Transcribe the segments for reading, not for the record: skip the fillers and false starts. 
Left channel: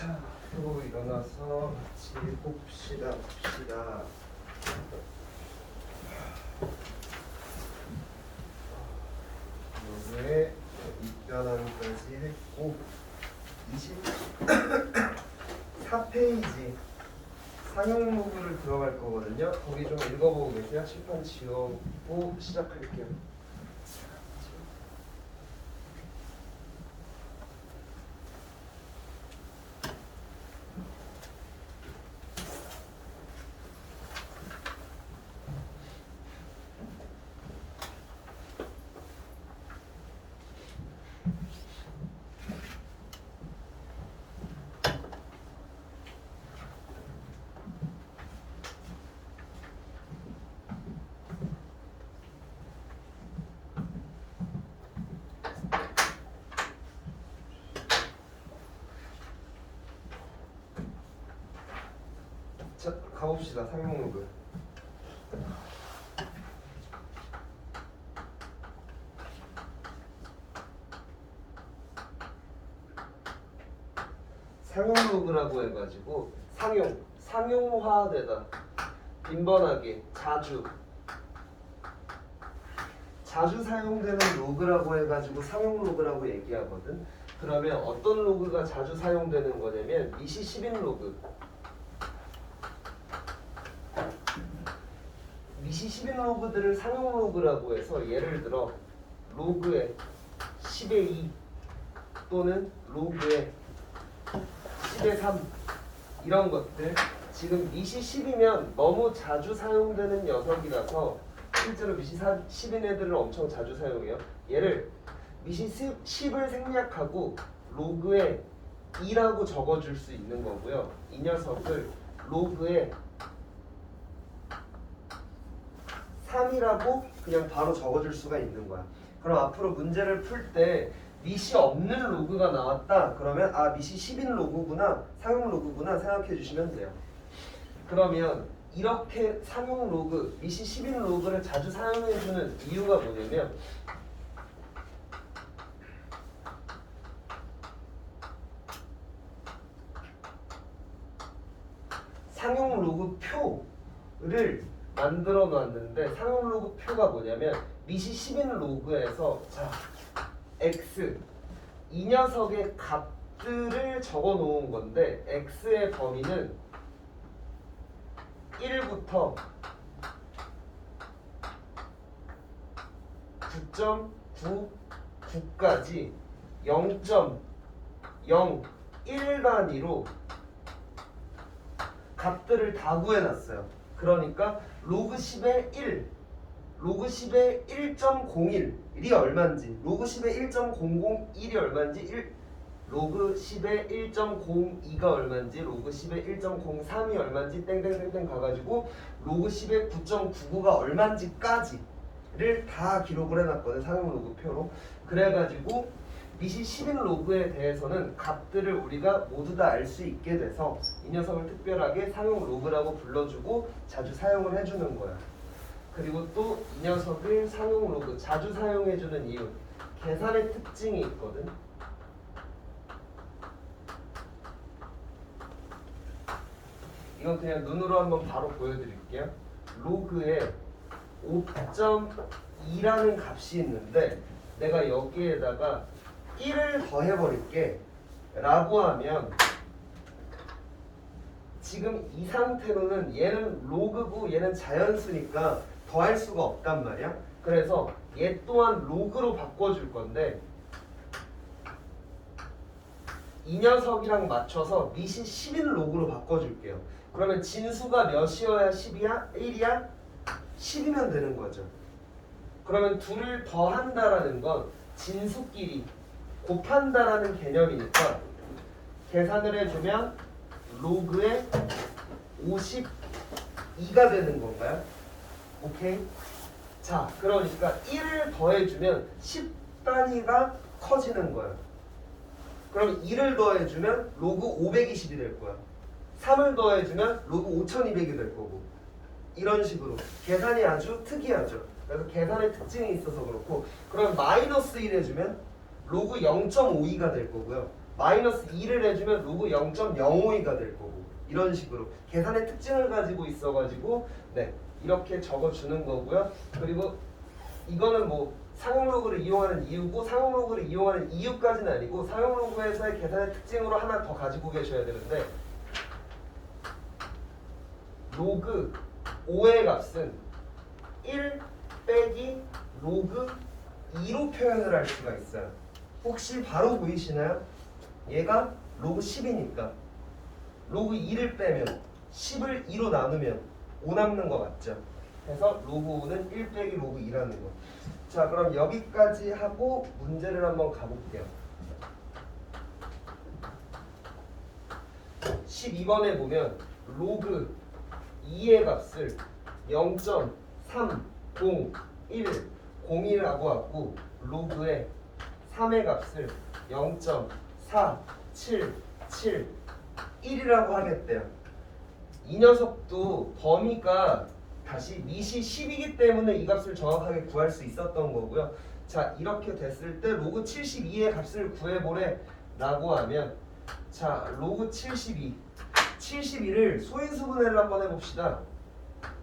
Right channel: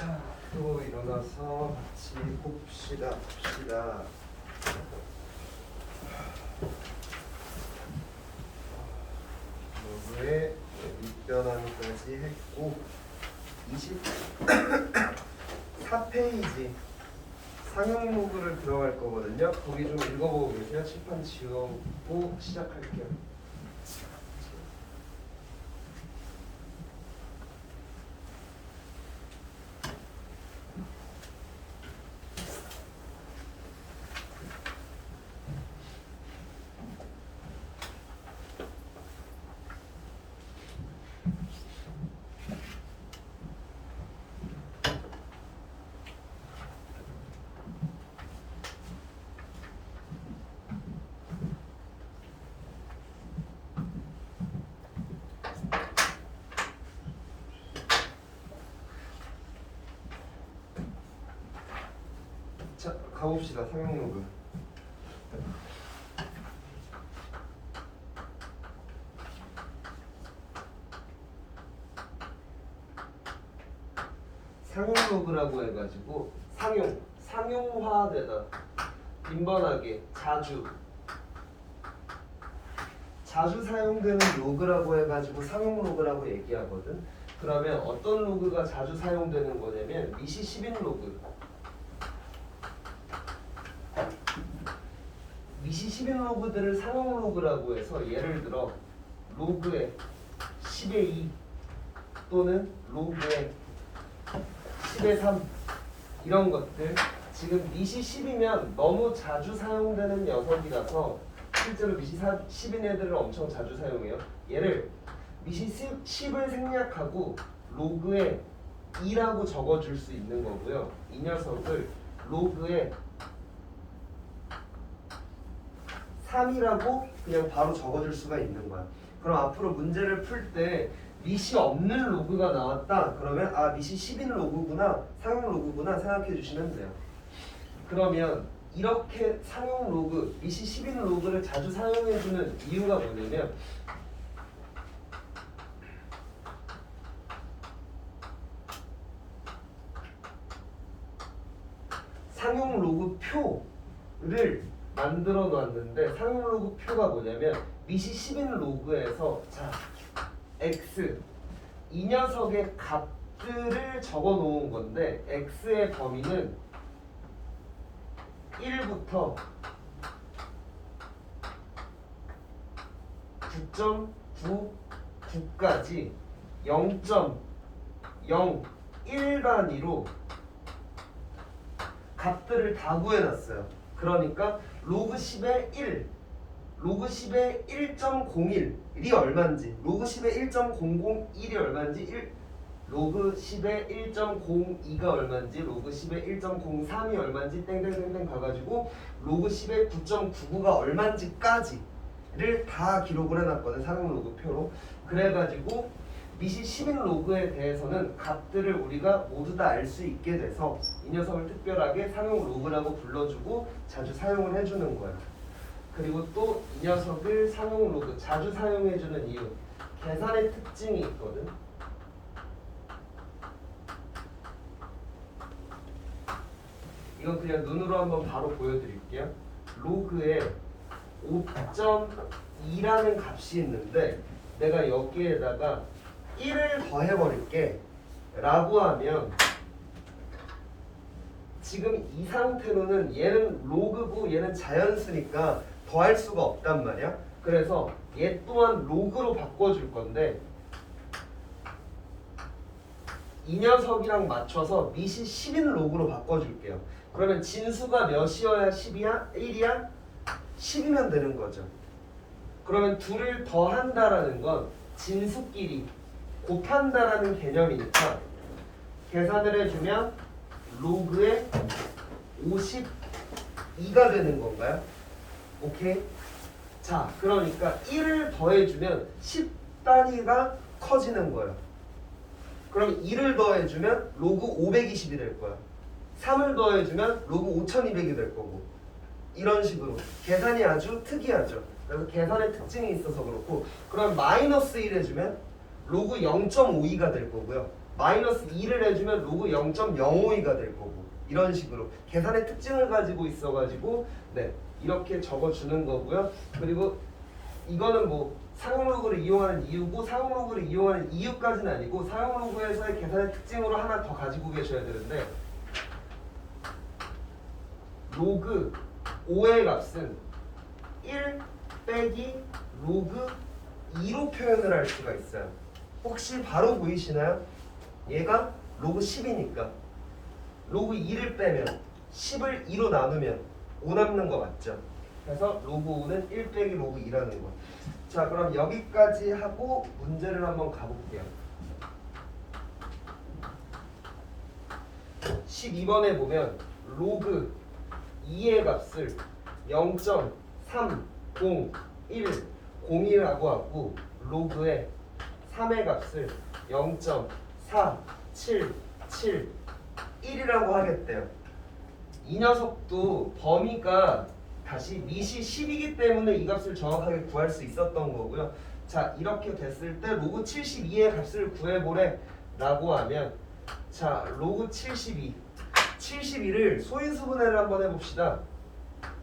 자, 또 일어나서 같이 봅시다. 로그의 밑변환까지 했고 24페이지 상용 로그를 들어갈 거거든요. 거기 좀 읽어보고 계세요. 칠판 지우고 시작할게요. 자, 가봅시다. 상용 로그. 상용 로그라고 해가지고 상용화되다, 빈번하게, 자주 사용되는 로그라고 해가지고 상용 로그라고 얘기하거든. 그러면 어떤 로그가 자주 사용되는 거냐면 미시 10인 로그. 미시 10인 로그들을 상용 로그라고 해서 예를 들어 로그의 10의 2 또는 로그의 10의 3 이런 것들 지금 미시 10이면 너무 자주 사용되는 녀석이라서 실제로 미시 10인 애들은 엄청 자주 사용해요. 얘를 미시 10을 생략하고 로그에 2라고 적어줄 수 있는 거고요. 이 녀석을 로그에 3이라고 그냥 바로 적어줄 수가 있는 거야. 그럼 앞으로 문제를 풀 때 미시 없는 로그가 나왔다. 그러면 아, 미시 10인 로그구나, 상용 로그구나 생각해 주시면 돼요. 그러면 이렇게 상용 로그, 미시 10인 로그를 자주 사용해 주는 이유가 뭐냐면 상용 로그 표를 만들어 놨는데 상용 로그 표가 뭐냐면 미시 10인 로그에서 자 x 이 녀석의 값들을 적어 놓은 건데 x의 범위는 1부터 9.99까지 0.01 단위로 값들을 다 구해놨어요. 그러니까 로그 10의 1, 로그 10의 1.01이 얼마인지, 로그 10의 1.001이 얼마인지, 로그 10의 1.02가 얼마인지, 로그 10의 1.03이 얼마인지 땡땡땡땡 가가지고 로그 10의 9.99가 얼마인지까지를 다 기록을 해놨거든, 상용 로그 표로. 그래가지고 미시 10인 로그에 대해서는 값들을 우리가 모두 다 알 수 있게 돼서 이 녀석을 특별하게 상용 로그라고 불러주고 자주 사용을 해주는 거야. 그리고 또 이 녀석을 상용 로그 자주 사용해주는 이유, 계산의 특징이 있거든. 이건 그냥 눈으로 한번 바로 보여드릴게요. 로그에 5.2라는 값이 있는데 내가 여기에다가 1을 더해버릴게 라고 하면 지금 이 상태로는 얘는 로그고 얘는 자연수니까 더할 수가 없단 말이야. 그래서 얘 또한 로그로 바꿔줄 건데 이 녀석이랑 맞춰서 미시 10인 로그로 바꿔줄게요. 그러면 진수가 몇이어야 10이야? 1이야? 10이면 되는 거죠. 그러면 둘을 더한다라는 건 진수끼리 곱한다라는 개념이니까 계산을 해주면 로그에 52가 되는 건가요? 오케이? 자, 그러니까 1을 더해주면 10단위가 커지는 거예요. 그럼 2를 더해주면 로그 520이 될 거야. 3을 더해주면 로그 5200이 될 거고, 이런 식으로 계산이 아주 특이하죠. 그래서 계산의 특징이 있어서 그렇고, 그럼 마이너스 1 해주면 로그 0.52가 될 거고요. 마이너스 2를 해주면 로그 0.052가 될 거고 이런 식으로 계산의 특징을 가지고 있어가지고 네 이렇게 적어주는 거고요. 그리고 이거는 뭐 상용 로그를 이용하는 이유고 상용 로그를 이용하는 이유까지는 아니고 상용 로그에서의 계산의 특징으로 하나 더 가지고 계셔야 되는데 로그 5의 값은 1 빼기 로그 2로 표현을 할 수가 있어요. 혹시 바로 보이시나요? 얘가 로그 10이니까 로그 2를 빼면 10을 2로 나누면 5 남는 거 맞죠? 그래서 로그 5는 1 빼기 로그 2라는 거. 자 그럼 여기까지 하고 문제를 한번 가볼게요. 12번에 보면 로그 2의 값을 0.30101라고 하고 로그의 3의 값을 0.4771이라고 하겠대요. 이 녀석도 범위가 다시 밑이 10이기 때문에 이 값을 정확하게 구할 수 있었던 거고요. 자 이렇게 됐을 때 로그 72의 값을 구해보래 라고 하면 자 로그 72를 소인수분해를 한번 해봅시다.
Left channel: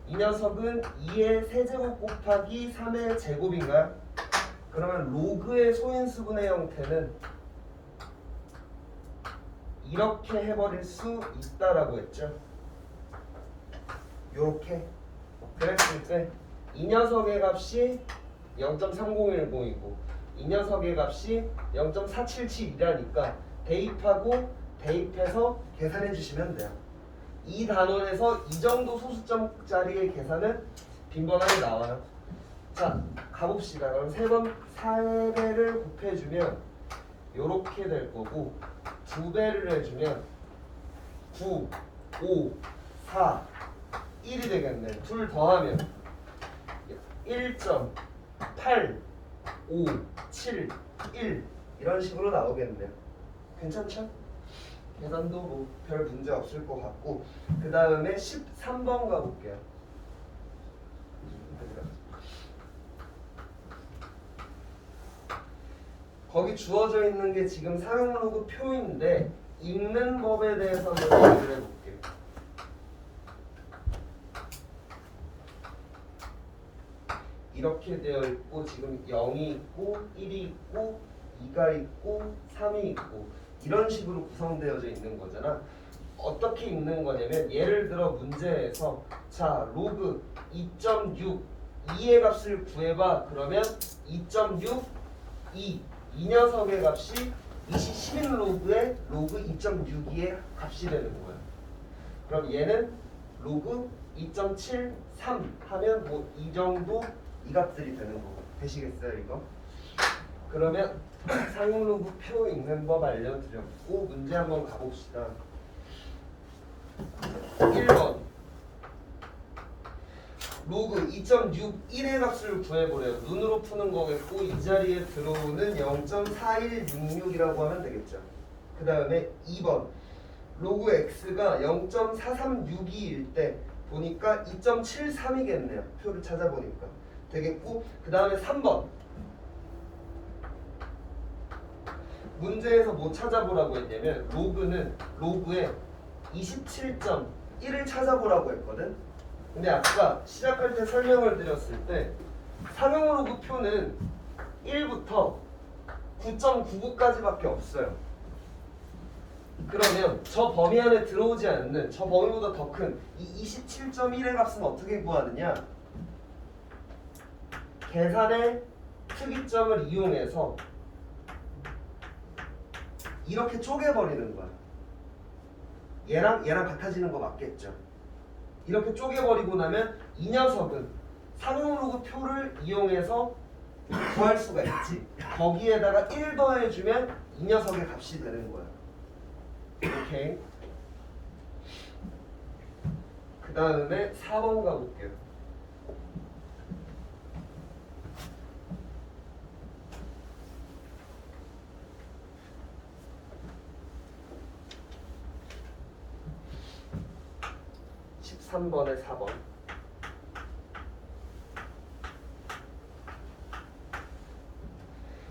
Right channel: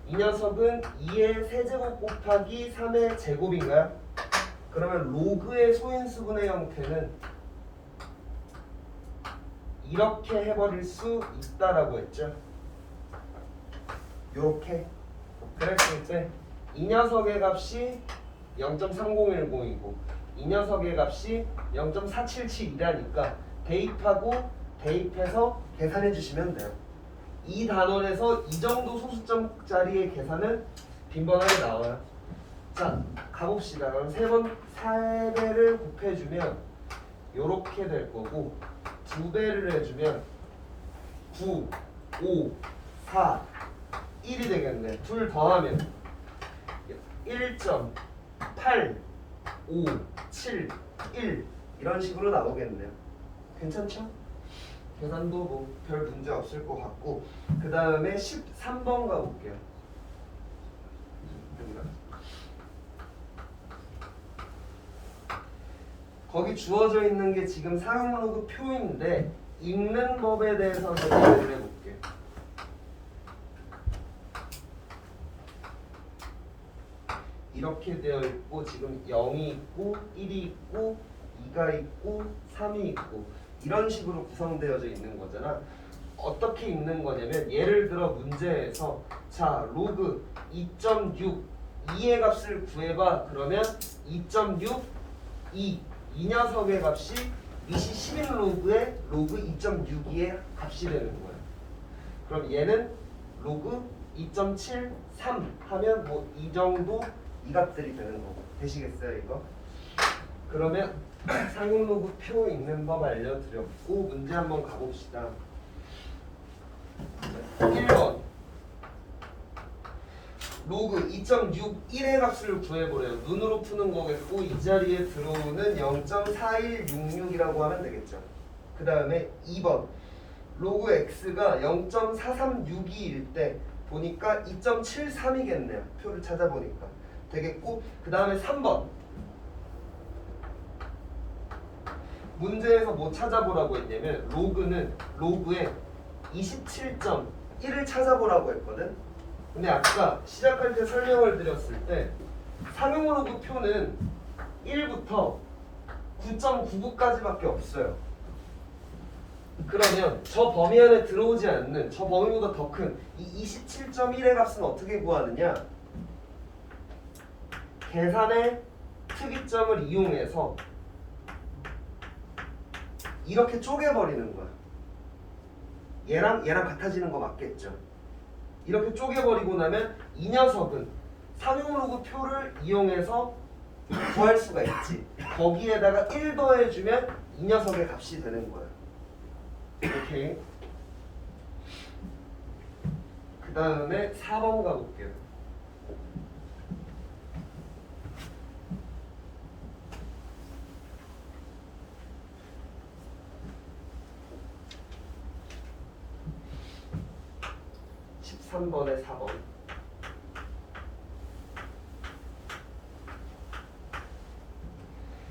이 녀석은 2의 세제곱 곱하기 3의 제곱인가요? 그러면 로그의 소인수분해 형태는 이렇게 해버릴 수 있다라고 했죠. 요렇게 그랬을 때 이 녀석의 값이 0.3010이고 이 녀석의 값이 0.477이라니까 대입하고 대입해서 계산해 주시면 돼요. 이 단원에서 이 정도 소수점짜리의 계산은 빈번하게 나와요. 자 가봅시다. 그럼 3배를 곱해주면 요렇게 될 거고 2배를 해주면 9, 5, 4, 1이 되겠네. 둘 더하면 1.857 이런 식으로 나오겠네요. 괜찮죠? 계산도 뭐 별 문제 없을 것 같고 그 다음에 13번 가볼게요. 거기 주어져 있는 게 지금 상용 로그 표인데 읽는 법에 대해서 한번 얘기를 해볼게요. 이렇게 되어 있고 지금 0이 있고 1이 있고 2가 있고 3이 있고 이런 식으로 구성되어져 있는 거잖아. 어떻게 읽는 거냐면 예를 들어 문제에서 자 로그 2.6 2의 값을 구해봐 그러면 2.6 2 이 녀석의 값이 밑이 10인 로그의 로그 2.62의 값이 되는 거야. 그럼 얘는 로그 2.73 하면 뭐 이 정도 이 값들이 되는 거고 되시겠어요 이거? 그러면 상용 로그 표 읽는 법 알려드렸고 문제 한번 가봅시다. 1번 로그 2.61의 값을 구해보래요. 눈으로 푸는 거겠고 이 자리에 들어오는 0.4166이라고 하면 되겠죠. 그 다음에 2번 로그 x가 0.4362일 때 보니까 2.73이겠네요. 표를 찾아보니까 되겠고 그 다음에 3번 문제에서 뭐 찾아보라고 했냐면 로그의 27.1을 찾아보라고 했거든. 근데 아까 시작할 때 설명을 드렸을 때 상용 로그 표는 1부터 9.99까지밖에 없어요. 그러면 저 범위 안에 들어오지 않는 저 범위보다 더 큰 이 27.1의 값은 어떻게 구하느냐? 계산의 특이점을 이용해서 이렇게 쪼개버리는 거야. 얘랑 같아지는 거 맞겠죠? 이렇게 쪼개버리고 나면 이 녀석은 상용 로그 표를 이용해서 구할 수가 있지. 거기에다가 1 더해주면 이 녀석의 값이 되는 거야. 오케이. 그 다음에 4번 가볼게요. 삼 번에 4번.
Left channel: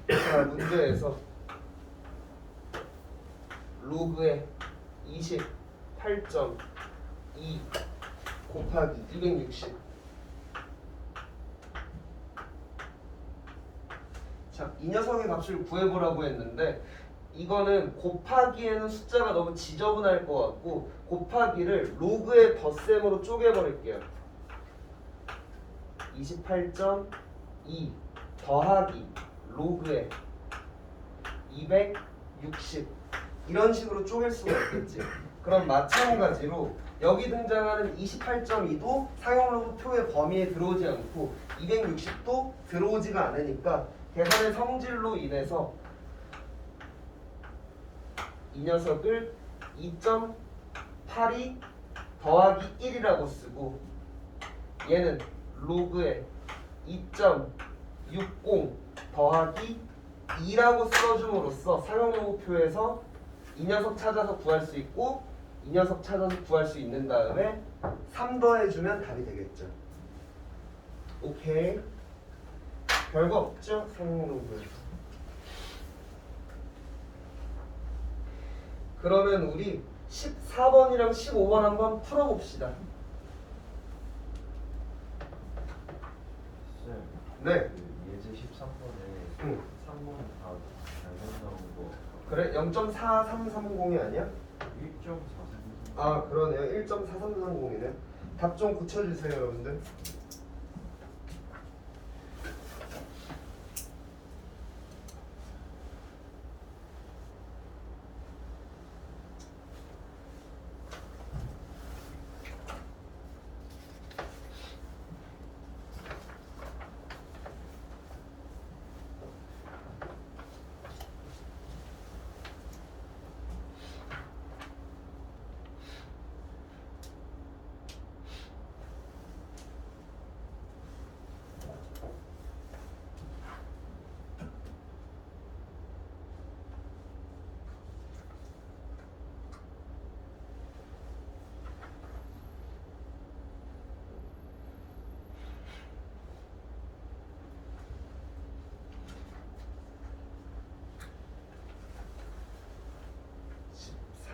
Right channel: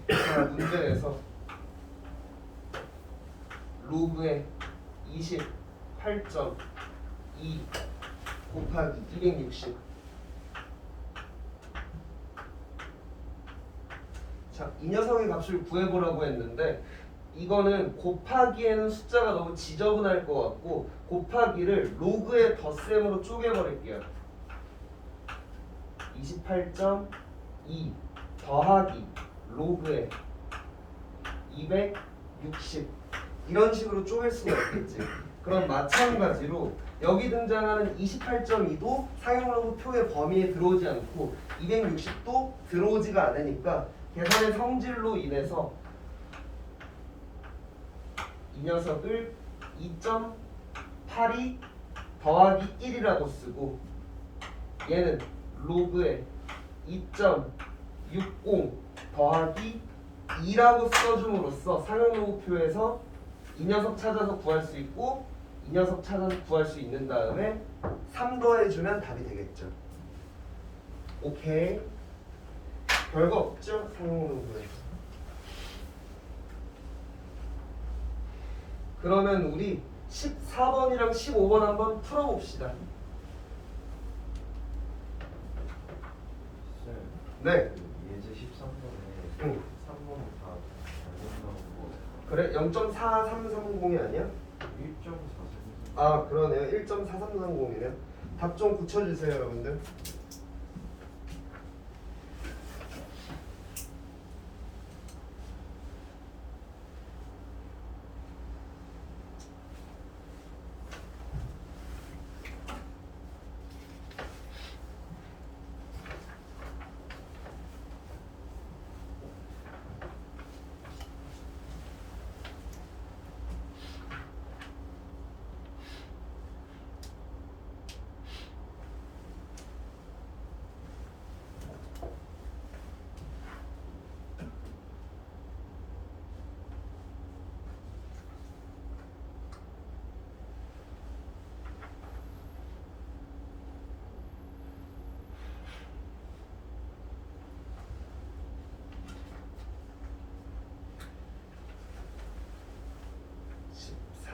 자, 문제에서 로그의 28.2 곱하기 260. 자, 이 녀석의 값을 구해보라고 했는데 이거는 곱하기에는 숫자가 너무 지저분할 것 같고 곱하기를 로그의 덧셈으로 쪼개버릴게요. 28.2 더하기 로그의 260 이런 식으로 쪼갤 수가 있겠지. 그럼 마찬가지로 여기 등장하는 28.2도 상용로그 표의 범위에 들어오지 않고 260도 들어오지가 않으니까 계산의 성질로 인해서 이 녀석을 2.82 더하기 1이라고 쓰고 얘는 로그의 2.60 더하기 2라고 써줌으로써 상용로그표에서 이 녀석 찾아서 구할 수 있고 이 녀석 찾아서 구할 수 있는 다음에 3 더해주면 답이 되겠죠. 오케이. 별거 없죠? 상용로그에서. 그러면 우리 14번이랑 15번 한번 풀어봅시다. 네. 예제 13번에 응. 3번 다 잘못 나온 거 그래? 0.4330이 아니야? 1.4cm. 아 그러네요. 1.4330이네요. 답 좀 고쳐주세요 여러분들.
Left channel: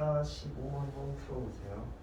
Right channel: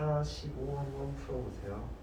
사 15 한번 풀어보세요.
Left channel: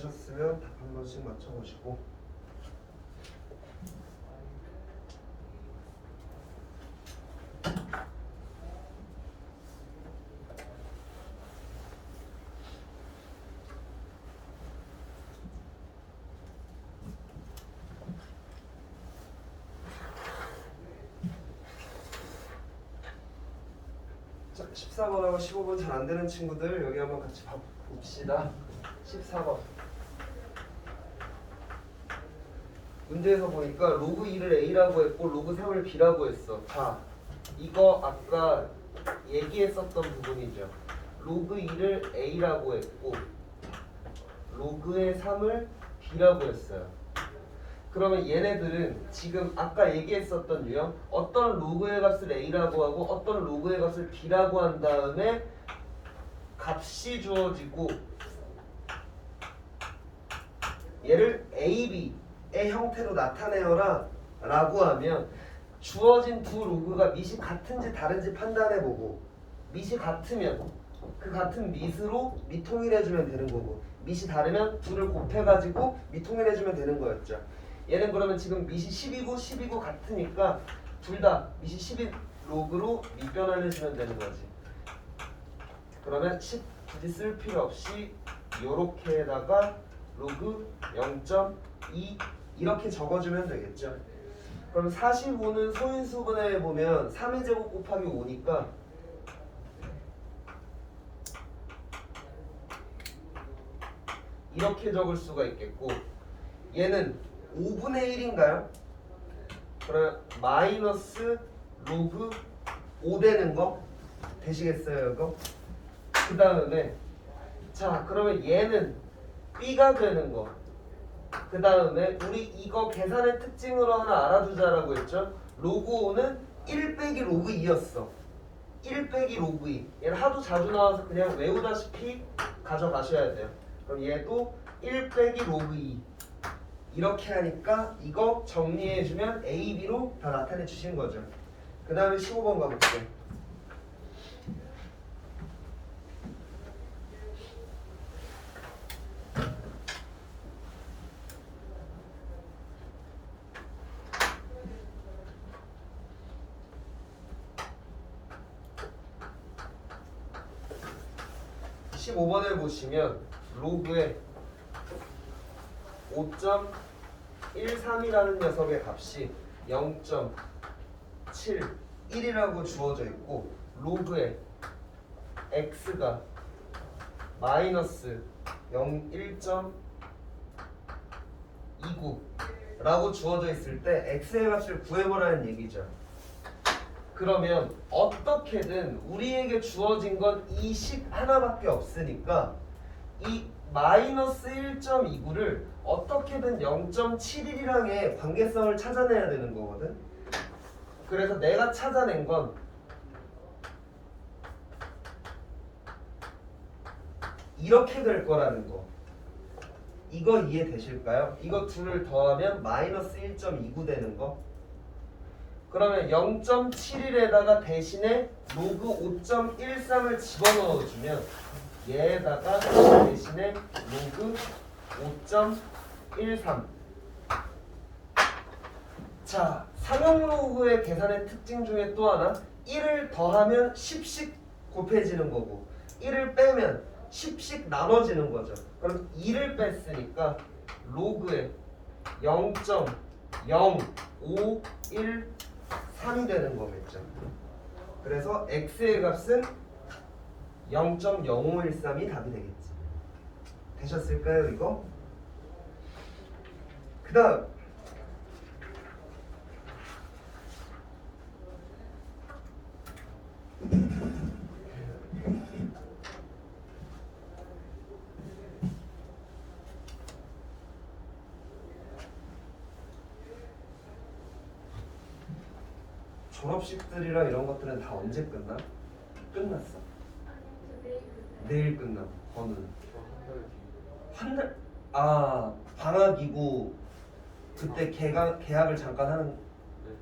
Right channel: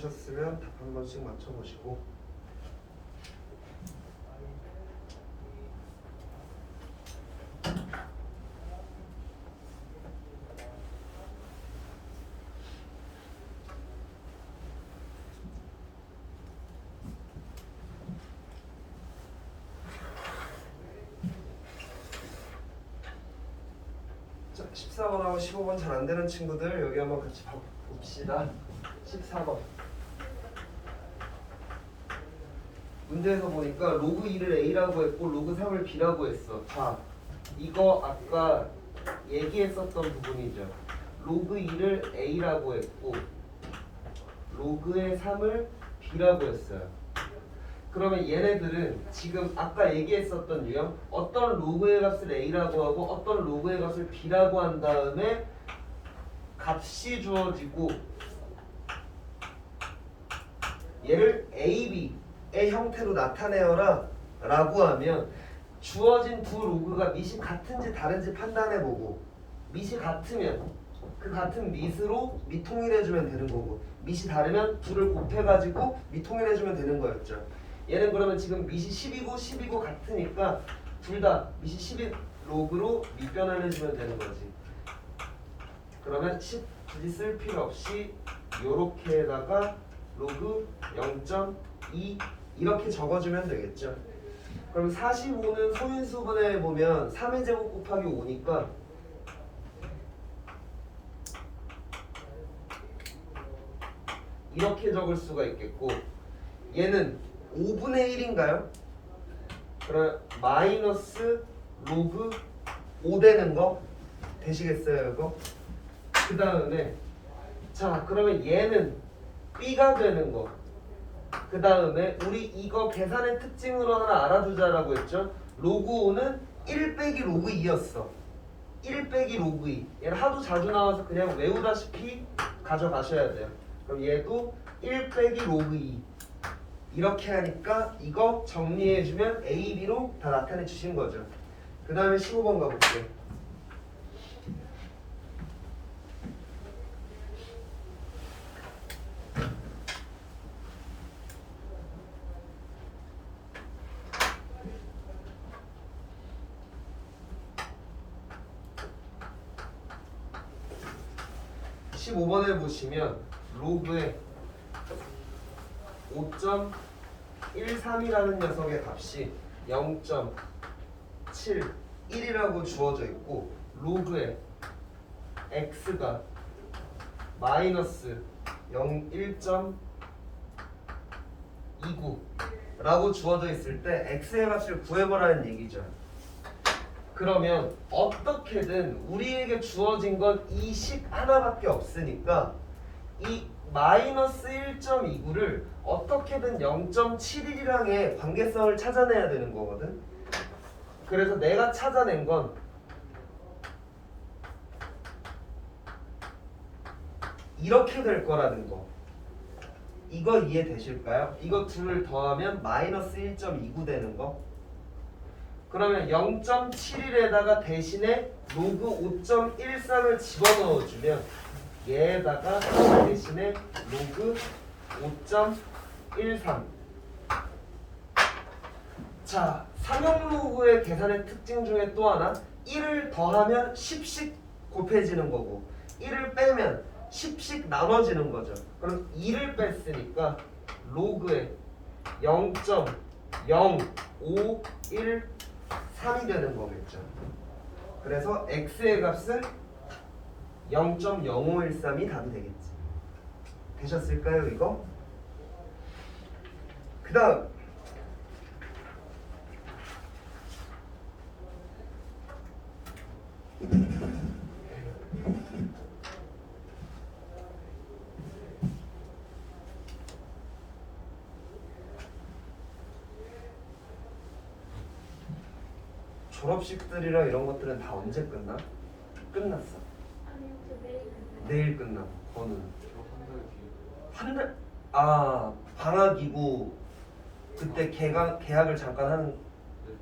하셨으면 답 한 번씩 맞춰보시고. 자, 14번하고 15번 잘 안 되는 친구들 여기 한번 같이 봅시다. 14번. 문제에서 보니까 로그 2를 A라고 했고 로그 3을 B라고 했어. 자, 이거 아까 얘기했었던 부분이죠. 로그 2를 A라고 했고 로그의 3을 B라고 했어요. 그러면 얘네들은 지금 아까 얘기했었던 유형 어떤 로그의 값을 A라고 하고 어떤 로그의 값을 B라고 한 다음에 값이 주어지고 얘를 A, B의 형태로 나타내어라 라고 하면 주어진 두 로그가 밑이 같은지 다른지 판단해보고 밑이 같으면 그 같은 밑으로 미통일해주면 되는 거고 밑이 다르면 둘을 곱해가지고 미통일해주면 되는 거였죠. 얘는 그러면 지금 밑이 10이고 10이고 같으니까 둘 다 밑이 10인 로그로 밑변환해주면 되는 거지. 그러면 10 굳이 쓸 필요 없이 요렇게다가 로그 0.2 이렇게 적어주면 되겠죠. 그럼 45는 소인수분해 보면 3의 제곱 곱하기 5니까 이렇게 적을 수가 있겠고 얘는 5분의 1인가요? 그럼 마이너스 로그 5 되는 거 되시겠어요 이거? 그 다음에 자 그러면 얘는 B가 되는 거. 그 다음에 우리 이거 계산의 특징으로 하나 알아두자라고 했죠. 로그 5는 1 빼기 로그 2였어. 1 빼기 로그 2. 얘는 하도 자주 나와서 그냥 외우다시피 가져가셔야 돼요. 그럼 얘도 1 빼기 로그 2. 이렇게 하니까 이거 정리해주면 A, B로 다 나타내 주신 거죠. 그 다음에 15번 가볼게요. 십오 번에 보시면 로그에 5.13이라는 녀석의 값이 0.71이라고 주어져 있고 로그에 x가 마이너스 1.29라고 주어져 있을 때 x의 값을 구해보라는 얘기죠. 그러면 어떻게든 우리에게 주어진 건 이 식 하나밖에 없으니까 이 마이너스 1.29를 어떻게든 0.71이랑의 관계성을 찾아내야 되는 거거든. 그래서 내가 찾아낸 건 이렇게 될 거라는 거. 이거 이해되실까요? 이거 둘을 더하면 마이너스 1.29 되는 거. 그러면 0.71에다가 대신에 로그 5.13을 집어넣어주면 얘에다가 대신에 로그 5.13. 자, 삼형 로그의 계산의 특징 중에 또 하나 1을 더하면 10씩 곱해지는 거고 1을 빼면 10씩 나눠지는 거죠. 그럼 2를 뺐으니까 로그에 0.0513이 되는 거겠죠. 그래서 x의 값은 0.0513이 답이 되겠지. 되셨을까요 이거? 그 다음 졸업식들이랑 이런 것들은 다 언제 끝나? 끝났어? 아니요, 저 내일 끝나요. 내일 끝나고 너는? 저한 달 뒤. 한 달? 아 방학이고 그때 계약을 잠깐 하는 네.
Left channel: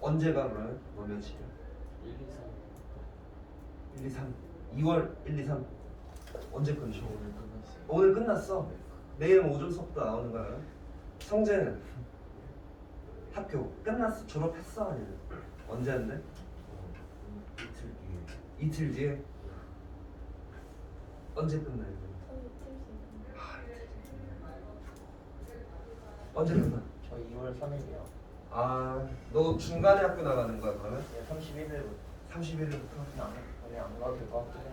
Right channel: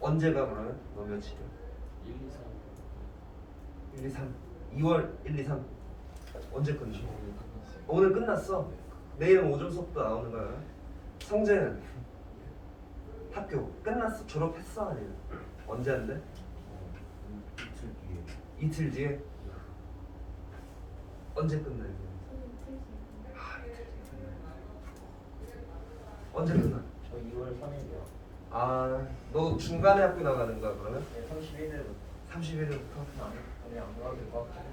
언제가 그러면? 너 며칠이야? 1, 2, 3. 1, 2, 3 2월 1, 2, 3 언제 끝나? 15일 끝났어요. 오늘 끝났어. 내일은 오전 수업도 나오는 거야. 성재는 학교 끝났어? 졸업했어? 아니면 언제 한대? 이틀 뒤에. 이틀 뒤에? 언제 끝나 이거? 언제 끝나? 저 2월 3일이요. 아, 너 중간에 학교 나가는 거야 그러면? 네, 31일부터. 31일부터? 안 가도 될 것 같아요.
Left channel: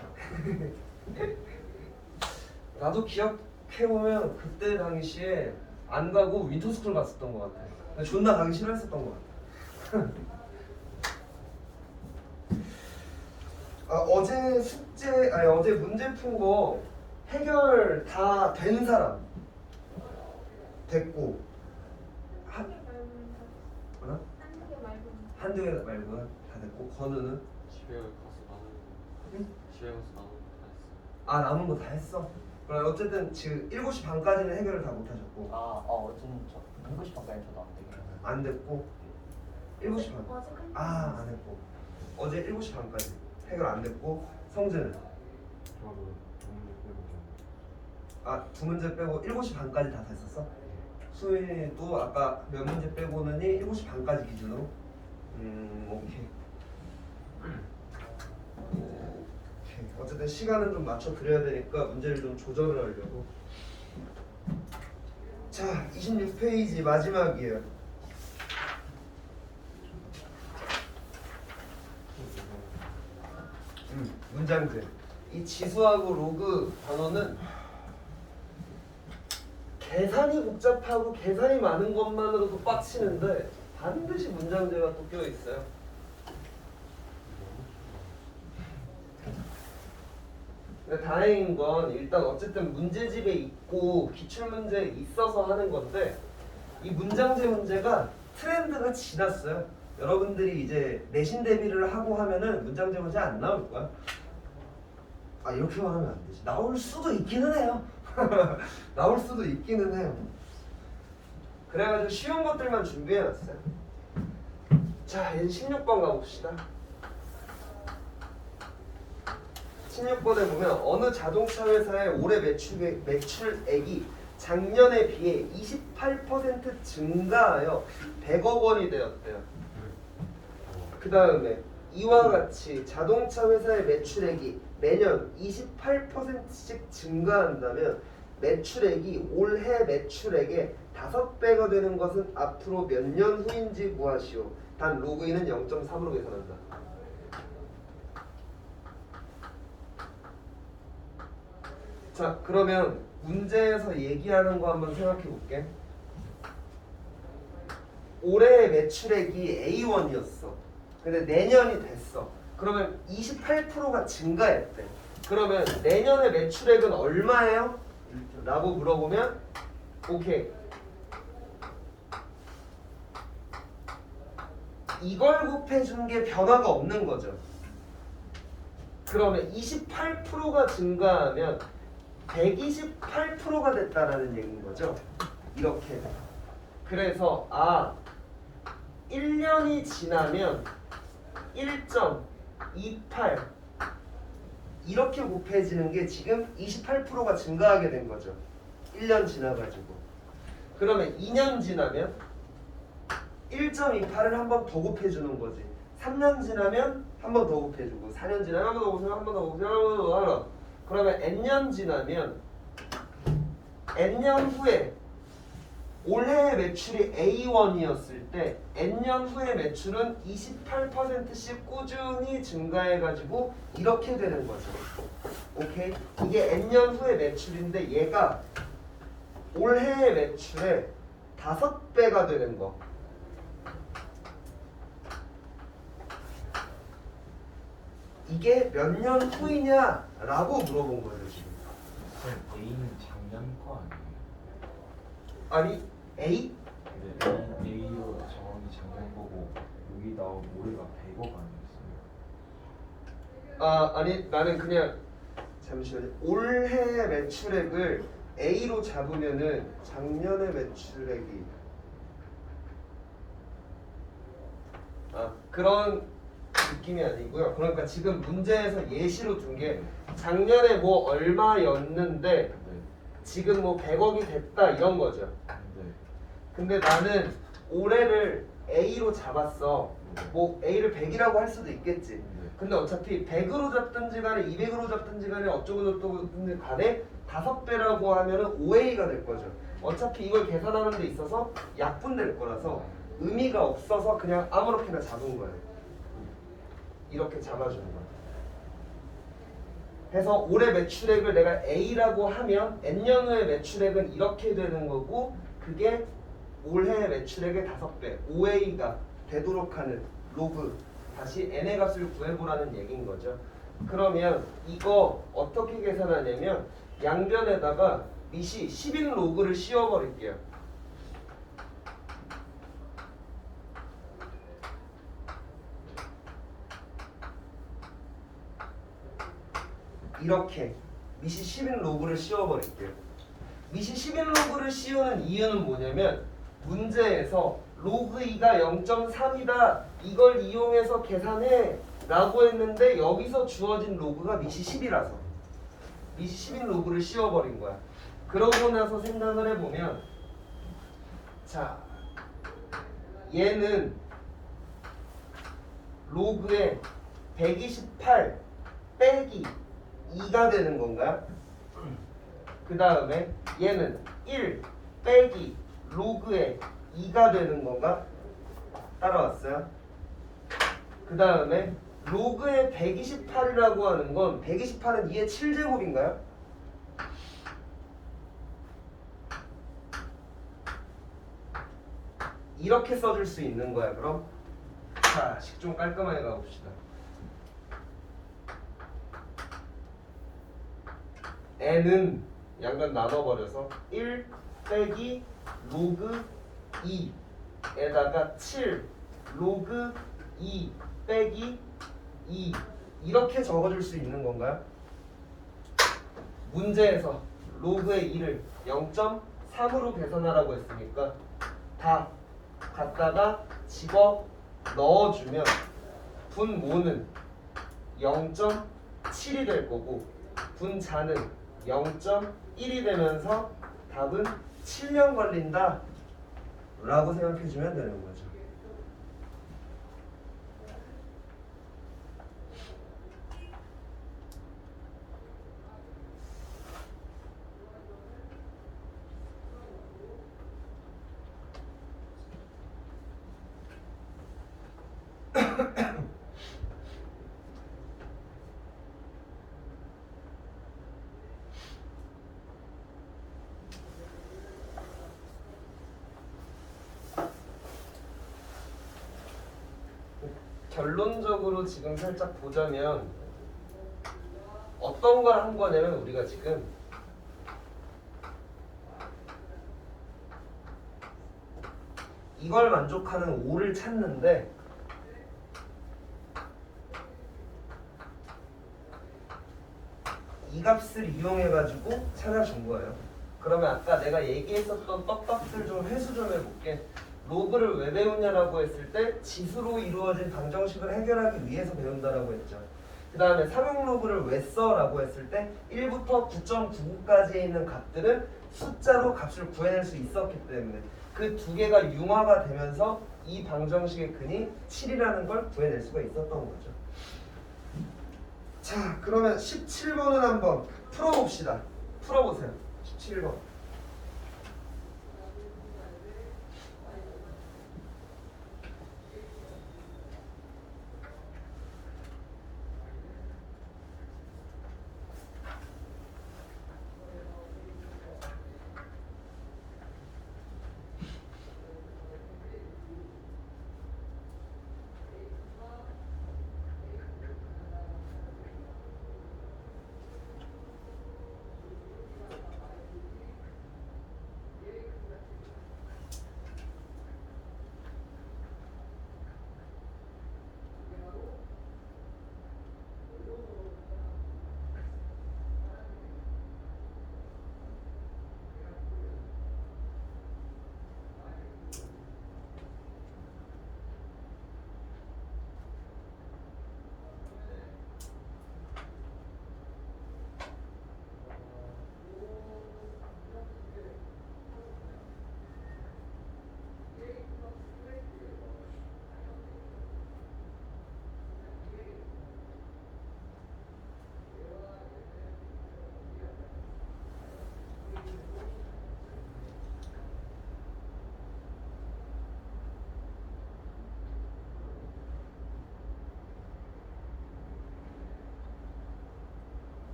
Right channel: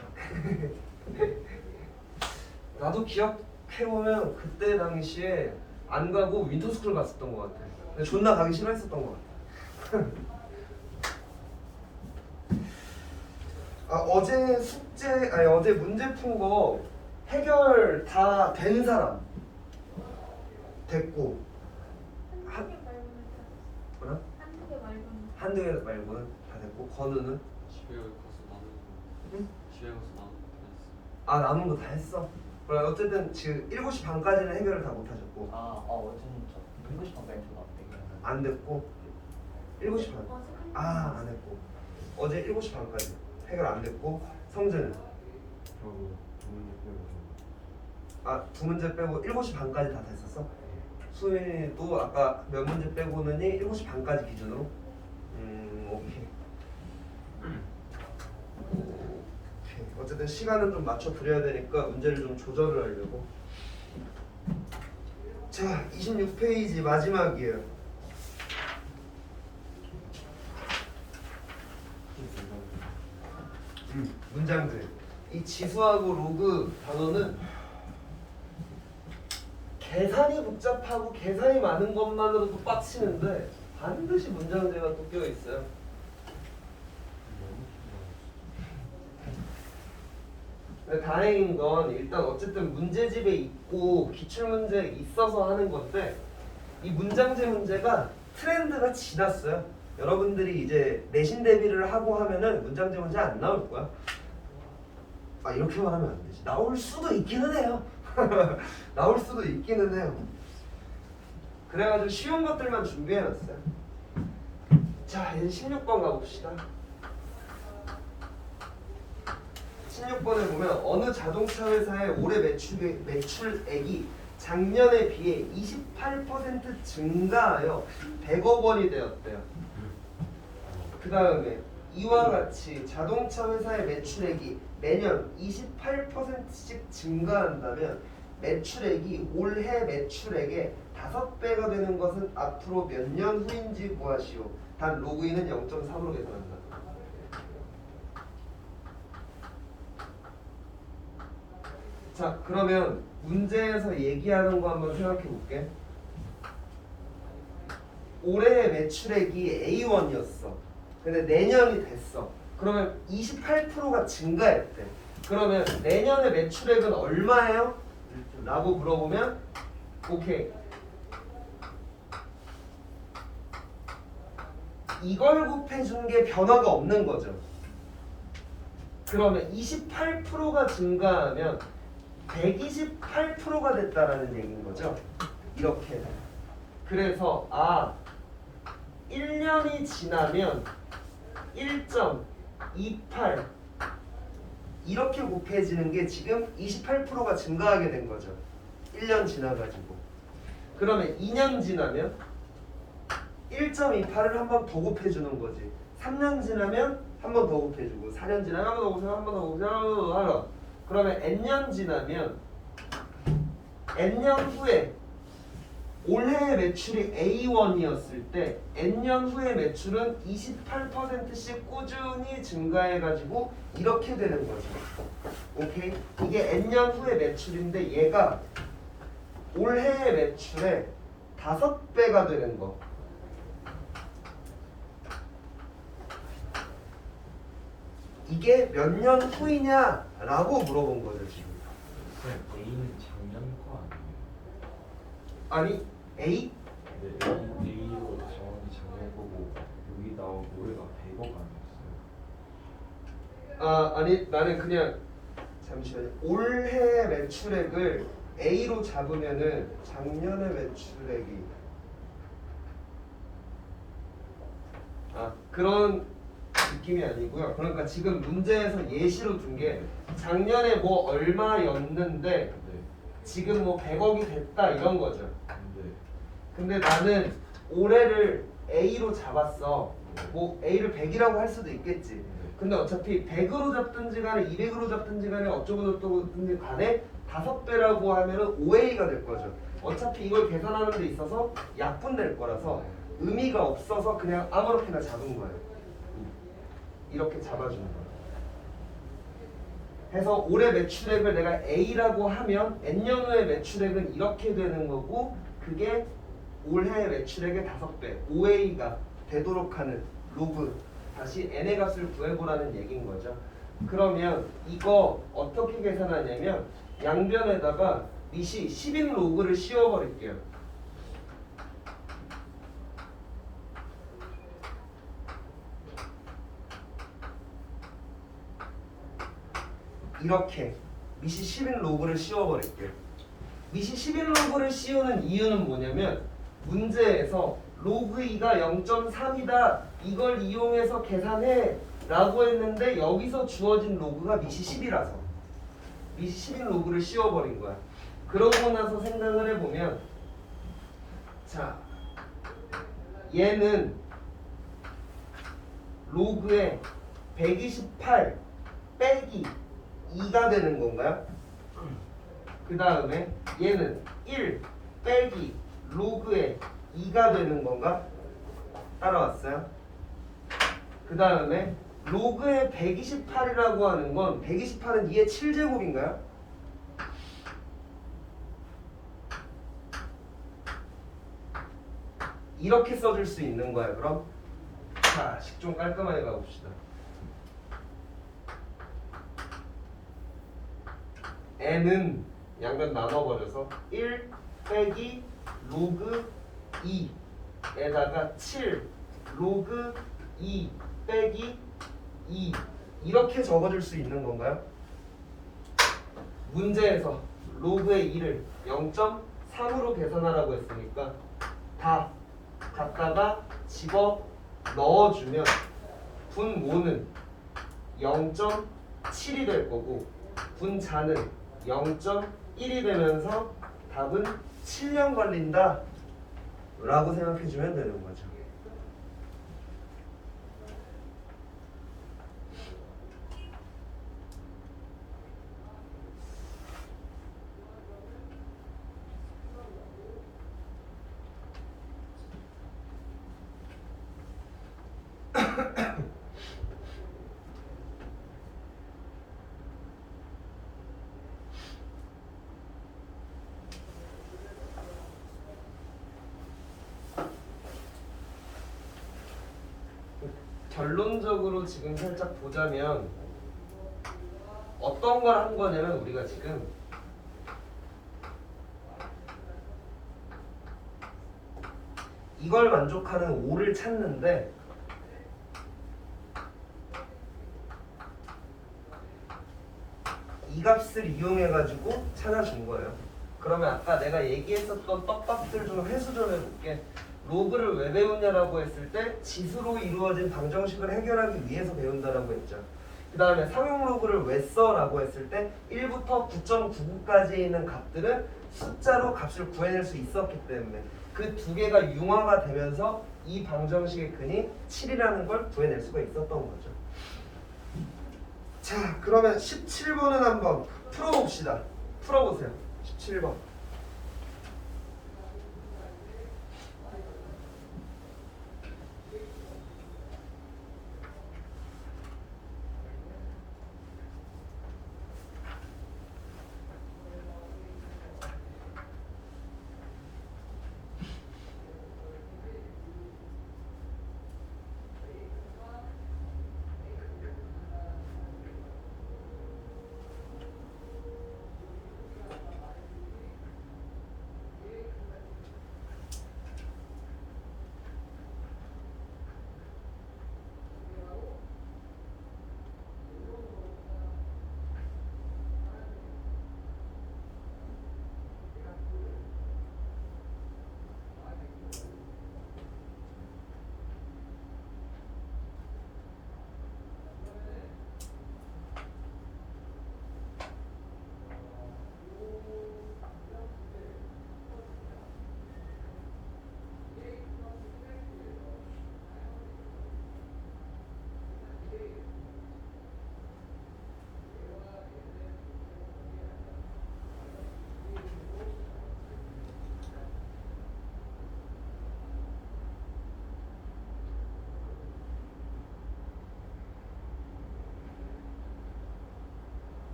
나도 기억해보면 그때 당시에 안 가고 윈터스쿨 갔었던 것 같아. 근데 존나 가기 싫어했었던 것 같아. 아, 어제 어제 문제 푼 거 해결 다 된 사람 됐고 한두 개 말고는 다. 뭐라? 한두 개 말고는 다. 한두 개 말고는 다 됐고 건우는? 집에 가서 나는 응? 집에 가서 나는 다 했어. 아 남은 거 다 했어? 그럼 어쨌든 지금 7시 반까지는 해결을 다 못하셨고 저는 저 공부 싶은 게임 저도 안 되겠네요. 안 됐고 7시 반 안 했고 어제 7시 반까지 해결 안 됐고 성재는? 저도 두 문제 빼고. 아 두 문제 빼고 7시 반까지 다 됐었어? 수민이도 아까 몇 문제 빼고는이 7시 반까지 기준으로? 오케이. 오케이. 어쨌든 시간은 좀 맞춰 드려야 되니까 문제를 좀 조절을 하려고. 자, 26페이지 마지막이에요. 문장들. 이 지수하고 로그 단어는 계산이 복잡하고 계산이 많은 것만으로도 빡치는데 반드시 문장제가 또 껴 있어요. 근데 다행인 건 일단 어쨌든 문제집에 있고 기출문제에 있어서 하는 건데 이 문장제 문제가 트렌드가 지났어요. 여러분들이 이제 내신 대비를 하고 하면은 문장제 문제 안 나올 거야. 아 이렇게 말하면 안 되지. 나올 수도 있기는 해요. 나올 수도 있기는 해요. 그래가지고 쉬운 것들만 준비해놨어요. 자, 이제 16번 가봅시다. 16번에 보면 어느 자동차 회사의 올해 매출액이 작년에 비해 28% 증가하여 100억 원이 되었대요. 그 다음에 이와 같이 자동차 회사의 매출액이 매년 28%씩 증가한다면 매출액이 올해 매출액의 5배가 되는 것은 앞으로 몇 년 후인지 구하시오. 단 로그인은 0.3으로 계산한다. 자, 그러면 문제에서 얘기하는 거 한번 생각해 볼게. 올해 매출액이 A1이었어. 근데 내년이 됐어. 그러면 28%가 증가했대. 그러면 내년의 매출액은 얼마예요? 라고 물어보면 오케이. 이걸 곱해준 게 변화가 없는 거죠. 그러면 28%가 증가하면 128%가 됐다라는 얘기인 거죠. 이렇게. 그래서 1년이 지나면 1.28 이렇게 곱해지는 게 지금 28%가 증가하게 된 거죠. 1년 지나가지고. 그러면 2년 지나면 1.28을 한 번 더 곱해주는 거지. 3년 지나면 한 번 더 곱해주고 4년 지나면 한 번 더 곱해주고 한 번 더 곱해주고 한 번 더 하라. 그러면 n년 지나면 n년 후에 올해의 매출이 A1이었을 때 n년 후의 매출은 28%씩 꾸준히 증가해가지고 이렇게 되는 거죠. 오케이? 이게 n년 후의 매출인데 얘가 올해의 매출의 5배가 되는 거. 이게 몇 년 후이냐라고 물어본 거죠 지금. 쌤, A는 작년 거 아니에요? 아니 A? 네, A로 정확히 작년 거고 여기 나온 올해가 100억 아니었어요? 아니 나는 그냥 잠시만요. 올해 매출액을 A로 잡으면은 작년의 매출액이 그런 느낌이 아니고요. 그러니까 지금 문제에서 예시로 둔 게 작년에 뭐 얼마였는데 네. 지금 뭐 100억이 됐다 이런 거죠. 네. 근데 나는 올해를 A로 잡았어. 뭐 A를 100이라고 할 수도 있겠지. 근데 어차피 100으로 잡든지 간에 200으로 잡든지 간에 어쩌고 저쩌고든지 간에 5배라고 하면은 5A가 될 거죠. 어차피 이걸 계산하는 데 있어서 약분될 거라서 의미가 없어서 그냥 아무렇게나 잡은 거예요. 이렇게 잡아주는 거예요. 해서 올해 매출액을 내가 A라고 하면 N년 후의 매출액은 이렇게 되는 거고 그게 올해 매출액의 5배 5A가 되도록 하는 로그 다시 n의 값을 구해보라는 얘기인 거죠. 그러면 이거 어떻게 계산하냐면 양변에다가 밑이 10인 로그를 씌워버릴게요. 이렇게 밑이 10인 로그를 씌워버릴게요. 밑이 10인 로그를 씌우는 이유는 뭐냐면 문제에서 로그 2가 0.3이다 이걸 이용해서 계산해 라고 했는데 여기서 주어진 로그가 밑이 10이라서 밑이 10인 로그를 씌워버린 거야. 그러고 나서 생각을 해보면 자 얘는 로그에 128 빼기 2가 되는 건가요? 그 다음에 얘는 1 빼기 로그에 2가 되는 건가? 따라왔어요? 그 다음에 로그의 128이라고 하는 건 128은 2의 7제곱인가요? 이렇게 써줄 수 있는 거야. 그럼 자, 식 좀 깔끔하게 가봅시다. n은 양변 나눠버려서 1 빼기 로그 2에다가 7 로그 2 빼기 2 이렇게 적어줄 수 있는 건가요? 문제에서 로그의 2를 0.3으로 계산하라고 했으니까 다 갖다가 집어 넣어주면 분모는 0.7이 될 거고 분자는 0.1이 되면서 답은 7년 걸린다 라고 생각해주면 되는 거죠. 결론적으로 지금 살짝 보자면 어떤 걸 한 거냐면 우리가 지금 이걸 만족하는 5를 찾는데 이 값을 이용해 가지고 찾아준 거예요. 그러면 아까 내가 얘기했었던 떡값들 좀 회수 좀 해볼게. 로그를 왜 배우냐라고 했을 때 지수로 이루어진 방정식을 해결하기 위해서 배운다라고 했죠. 그 다음에 상용 로그를 왜 써라고 했을 때 1부터 9.99까지 있는 값들은 숫자로 값을 구해낼 수 있었기 때문에 그 두 개가 융화가 되면서 이 방정식의 근이 7이라는 걸 구해낼 수가 있었던 거죠. 자, 그러면 17번은 한번 풀어봅시다. 풀어보세요. 17번.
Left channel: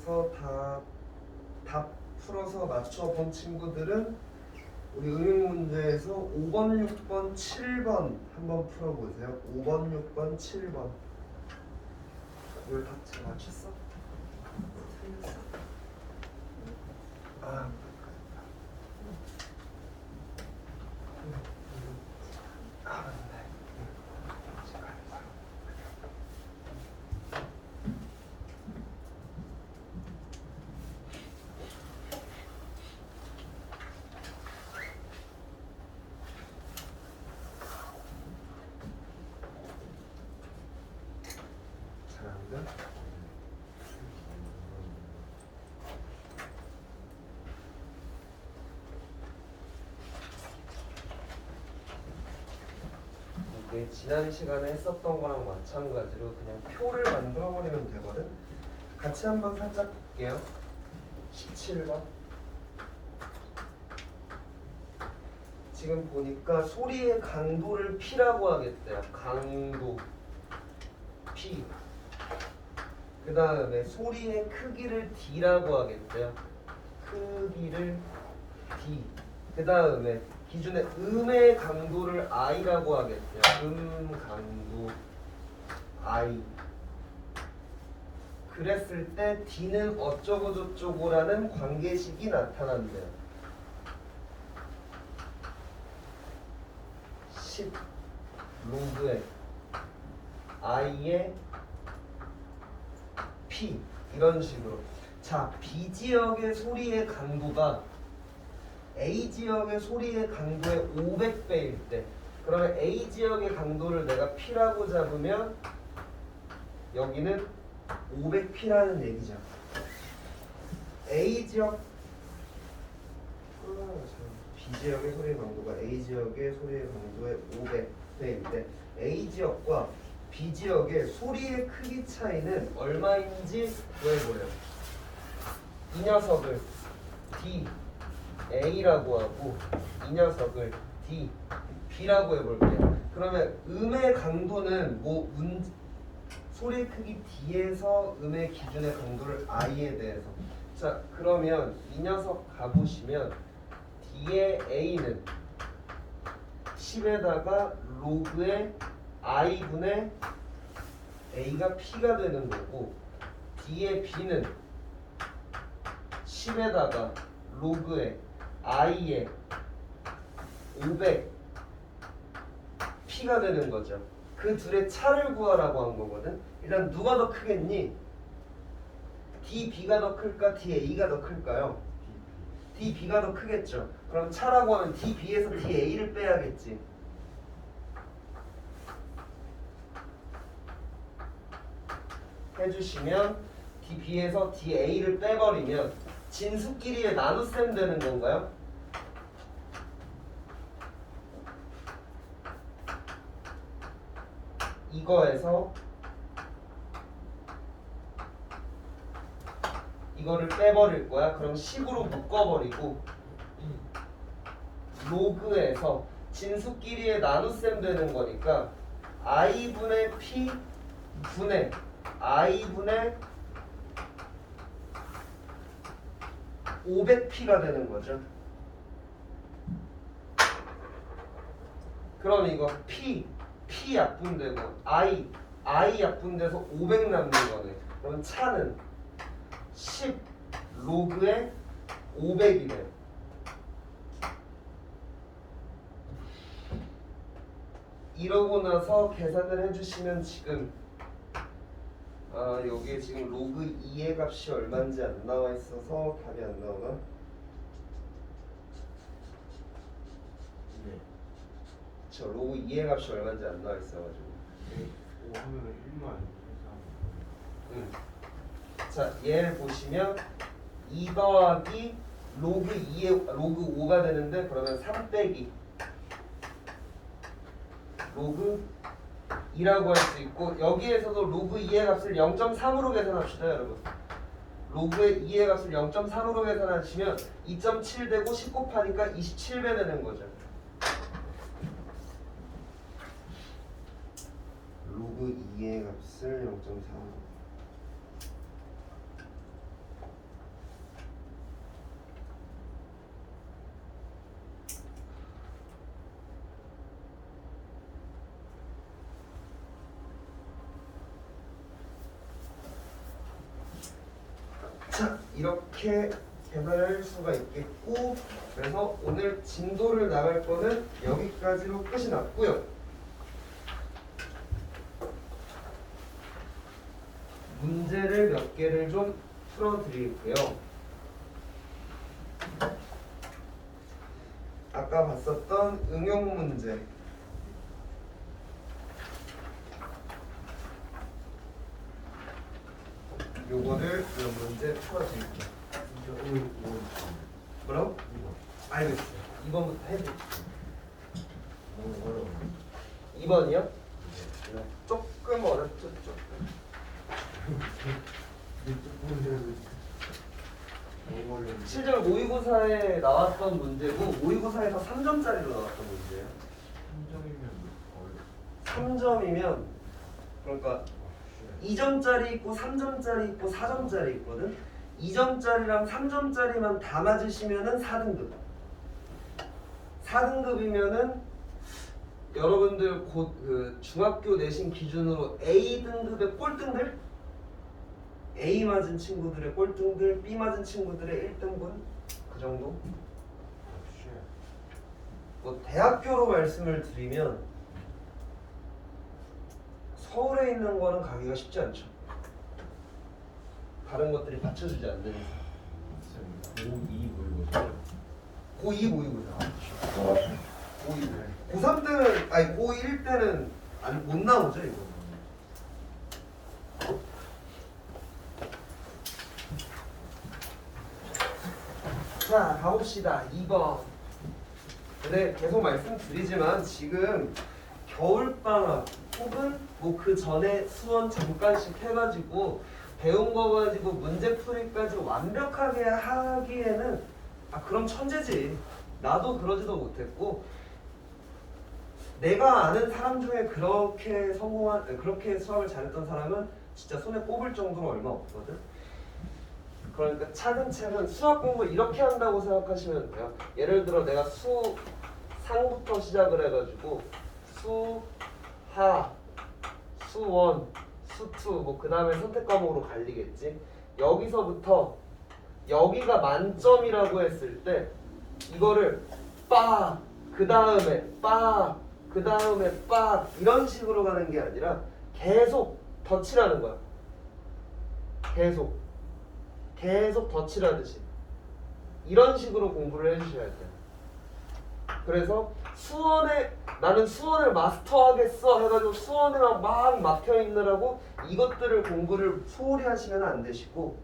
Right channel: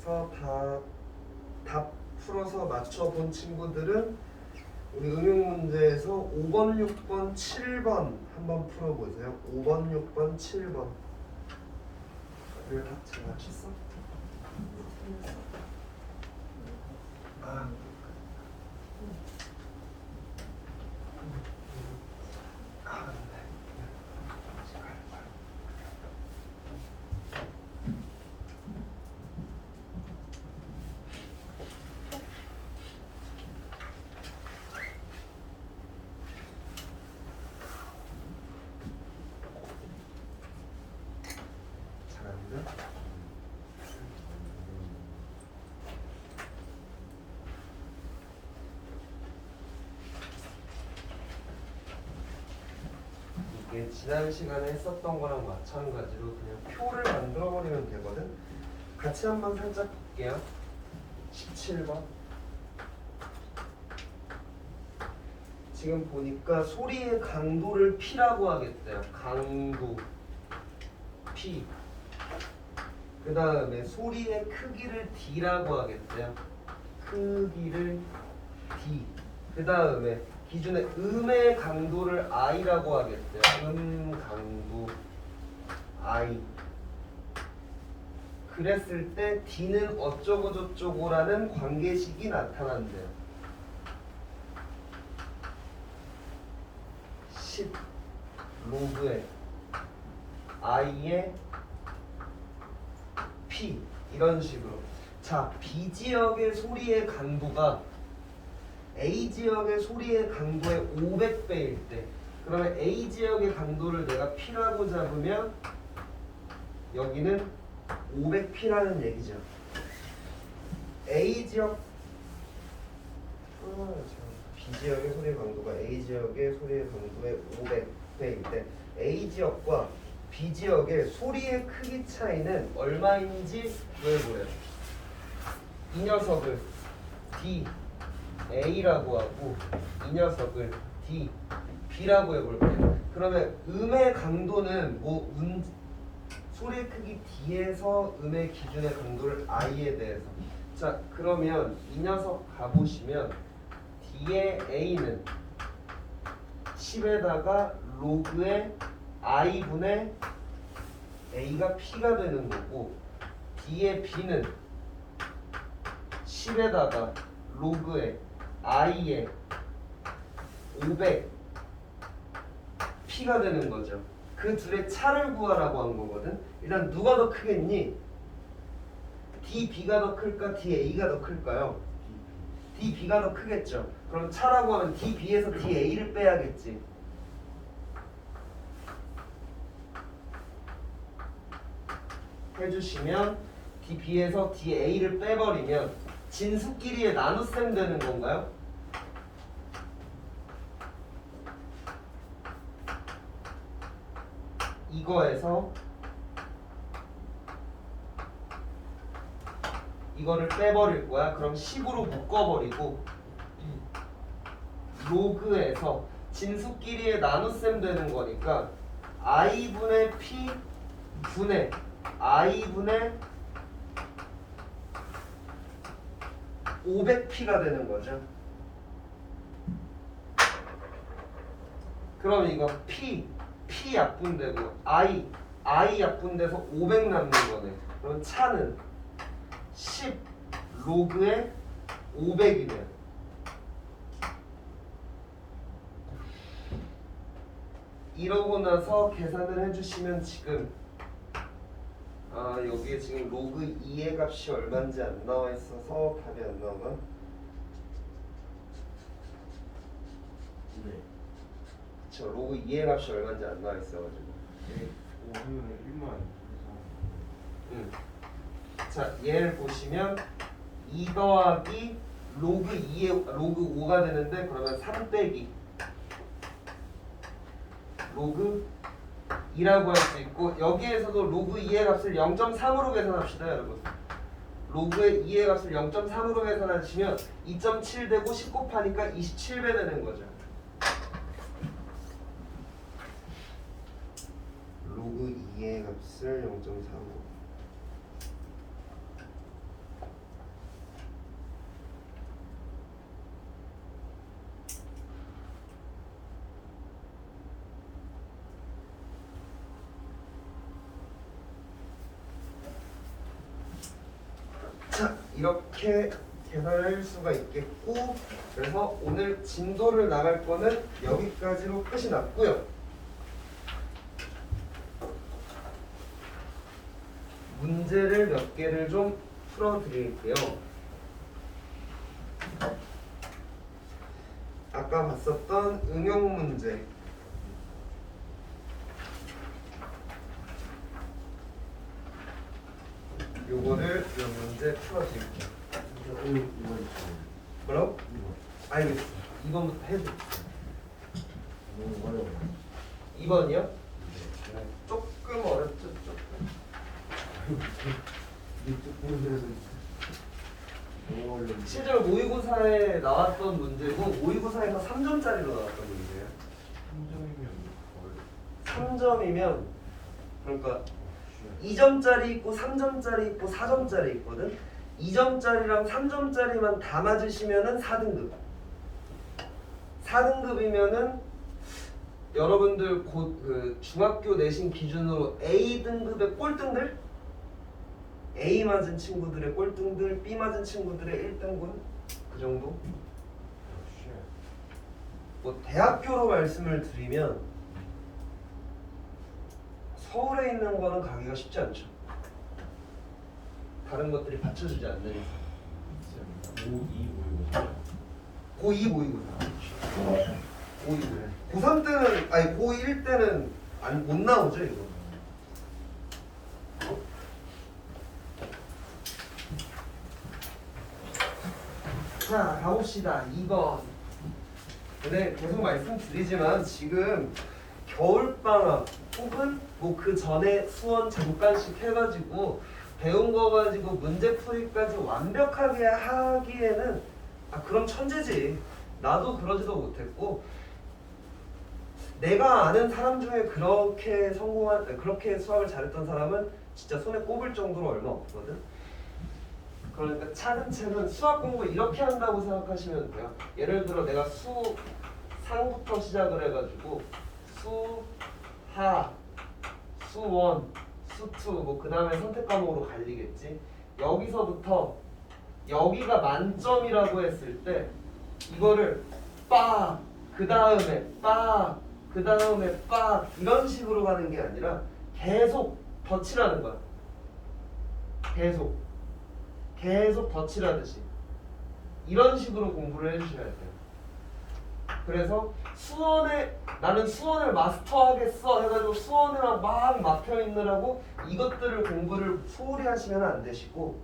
해서 다 답 풀어서 맞춰본 친구들은 우리 응용 문제에서 5번, 6번, 7번 한번 풀어보세요. 5번, 6번, 7번. 이걸 다 제가 쳤어? 아. 잘하는데? 이게 지난 시간에 했었던 거랑 마찬가지로 그냥 표를 만들어 버리면 되거든. 같이 한번 살짝 볼게요. 17번. 지금 보니까 소리의 강도를 P라고 하겠대요. 강도 P. 그 다음에 소리의 크기를 D라고 하겠대요. 크기를 D. 그 다음에 기준의 음의 강도를 I라고 하겠대요. 강도 I. 그랬을 때 D는 어쩌고 저쩌고라는 관계식이 나타난대요. 10 로그의 I의 P 이런 식으로. 자, B 지역의 소리의 강도가 A 지역의 소리의 강도의 500배일 때, 그러면 A 지역의 강도를 내가 P라고 잡으면 여기는 500P라는 얘기죠. A 지역 B 지역의 소리의 강도가 A 지역의 소리의 강도의 500배일 때 A 지역과 B 지역의 소리의 크기 차이는 얼마인지 구해보래요. 이 녀석을 D A라고 하고 이 녀석을 D B라고 해볼게요. 그러면 음의 강도는 소리의 크기 D에서 음의 기준의 강도를 I에 대해서. 자, 그러면 이 녀석 가보시면 D의 A는 10에다가 로그의 I분의 A가 P가 되는 거고, D의 B는 10에다가 로그의 I의 500 P가 되는 거죠. 그 둘의 차를 구하라고 한 거거든. 일단 누가 더 크겠니? DB가 더 클까? DA가 더 클까요? DB가 더 크겠죠. 그럼 차라고 하면 DB에서 DA를 빼야겠지. 해주시면 DB에서 DA를 빼버리면 진수끼리의 나눗셈 되는 건가요? 이거에서 이거를 빼버릴 거야. 그럼 10으로 묶어버리고 로그에서 진수끼리의 나눗셈 되는 거니까 I분의 P 분의 I분의 500P가 되는 거죠. 그럼 이거 P 약분되고 I 약분돼서 500 남는 거네. 그럼 차는 10 로그의 500이네요. 이러고 나서 계산을 해주시면 지금 여기에 지금 로그 2의 값이 얼마인지 안 나와 있어서 답이 안 나오나? 네. 저 로그 2의 값이 얼마인지 안 나와 있어가지고. 5 하면 1만 응. 자, 얘를 보시면 2 더하기 로그 2의 로그 5가 되는데, 그러면 3 빼기 로그 2라고 할 수 있고, 여기에서도 로그 2의 값을 0.3으로 계산합시다, 여러분. 로그의 2의 값을 0.3으로 계산하시면 2.7 되고 10 곱하니까 27배 되는 거죠. 로그 2의 값을 0.3으로 이렇게 계산할 수가 있겠고, 그래서 오늘 진도를 나갈 거는 여기까지로 끝이 났고요. 문제를 몇 개를 좀 풀어드릴게요. 아까 봤었던 응용 문제. 요거를 몇 문제 풀어드릴게요. 뭐라고? 알겠어요. 2번부터 해드릴게요. 2번이요? 조금 어렵죠? 조금. 실제로 모의고사에 나왔던 문제고, 모의고사에서 3점짜리로 나왔던 문제예요. 3점이면 그러니까 2점짜리 있고 3점짜리 있고 4점짜리 있거든. 2점짜리랑 3점짜리만 다 맞으시면은 4등급. 4등급이면은 여러분들 곧 그 중학교 내신 기준으로 A 등급의 꼴등들, A 맞은 친구들의 꼴등들, B 맞은 친구들의 1등분 그 정도. 뭐 대학교로 말씀을 드리면 서울에 있는 거는 가기가 쉽지 않죠. 다른 것들이 받쳐주지 않는 이상. 고2 모의고사. 고2 모의고사. 고3 때는 아니 고1 때는 못 나오죠 이거. 자 가봅시다. 2번. 근데 계속 말씀드리지만 지금 겨울방학 혹은 뭐 그 전에 수원 잠깐씩 해가지고 배운 거 가지고 문제풀이까지 완벽하게 하기에는 그럼 천재지. 나도 그러지도 못했고, 내가 아는 사람 중에 그렇게 그렇게 수학을 잘했던 사람은 진짜 손에 꼽을 정도로 얼마 없거든. 그러니까 차근차근 수학 공부 이렇게 한다고 생각하시면 돼요. 예를 들어 내가 수상부터 시작을 해가지고 수하, 수원, 수투 뭐 그 다음에 선택 과목으로 갈리겠지. 여기서부터 여기가 만점이라고 했을 때 이거를 빡, 그 다음에 빡, 그 다음에 빡 이런 식으로 가는 게 아니라 계속 덧칠하는 거야. 계속 덧칠하듯이 이런 식으로 공부를 해주셔야 돼요. 그래서 나는 수원을 마스터하겠어 해가지고 수원에만 막 막혀있느라고 이것들을 공부를 소홀히 하시면 안 되시고,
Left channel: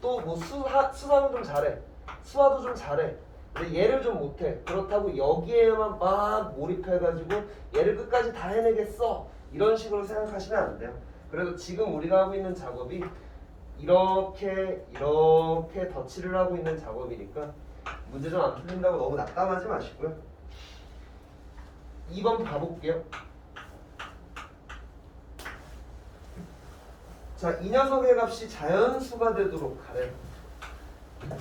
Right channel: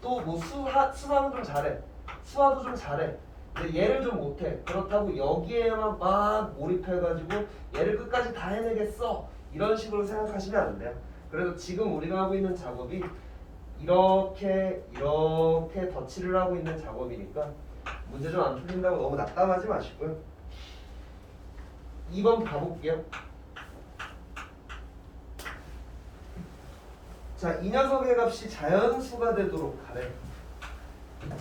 또 뭐 수학도 좀 잘해, 수화도 좀 잘해, 근데 얘를 좀 못해. 그렇다고 여기에만 막 몰입해가지고 얘를 끝까지 다 해내겠어 이런 식으로 생각하시면 안 돼요. 그래서 지금 우리가 하고 있는 작업이 이렇게 덧칠을 하고 있는 작업이니까 문제 좀 안 풀린다고 너무 낙담하지 마시고요. 2번 봐볼게요. 자, 이 녀석의 값이 자연수가 되도록 하래.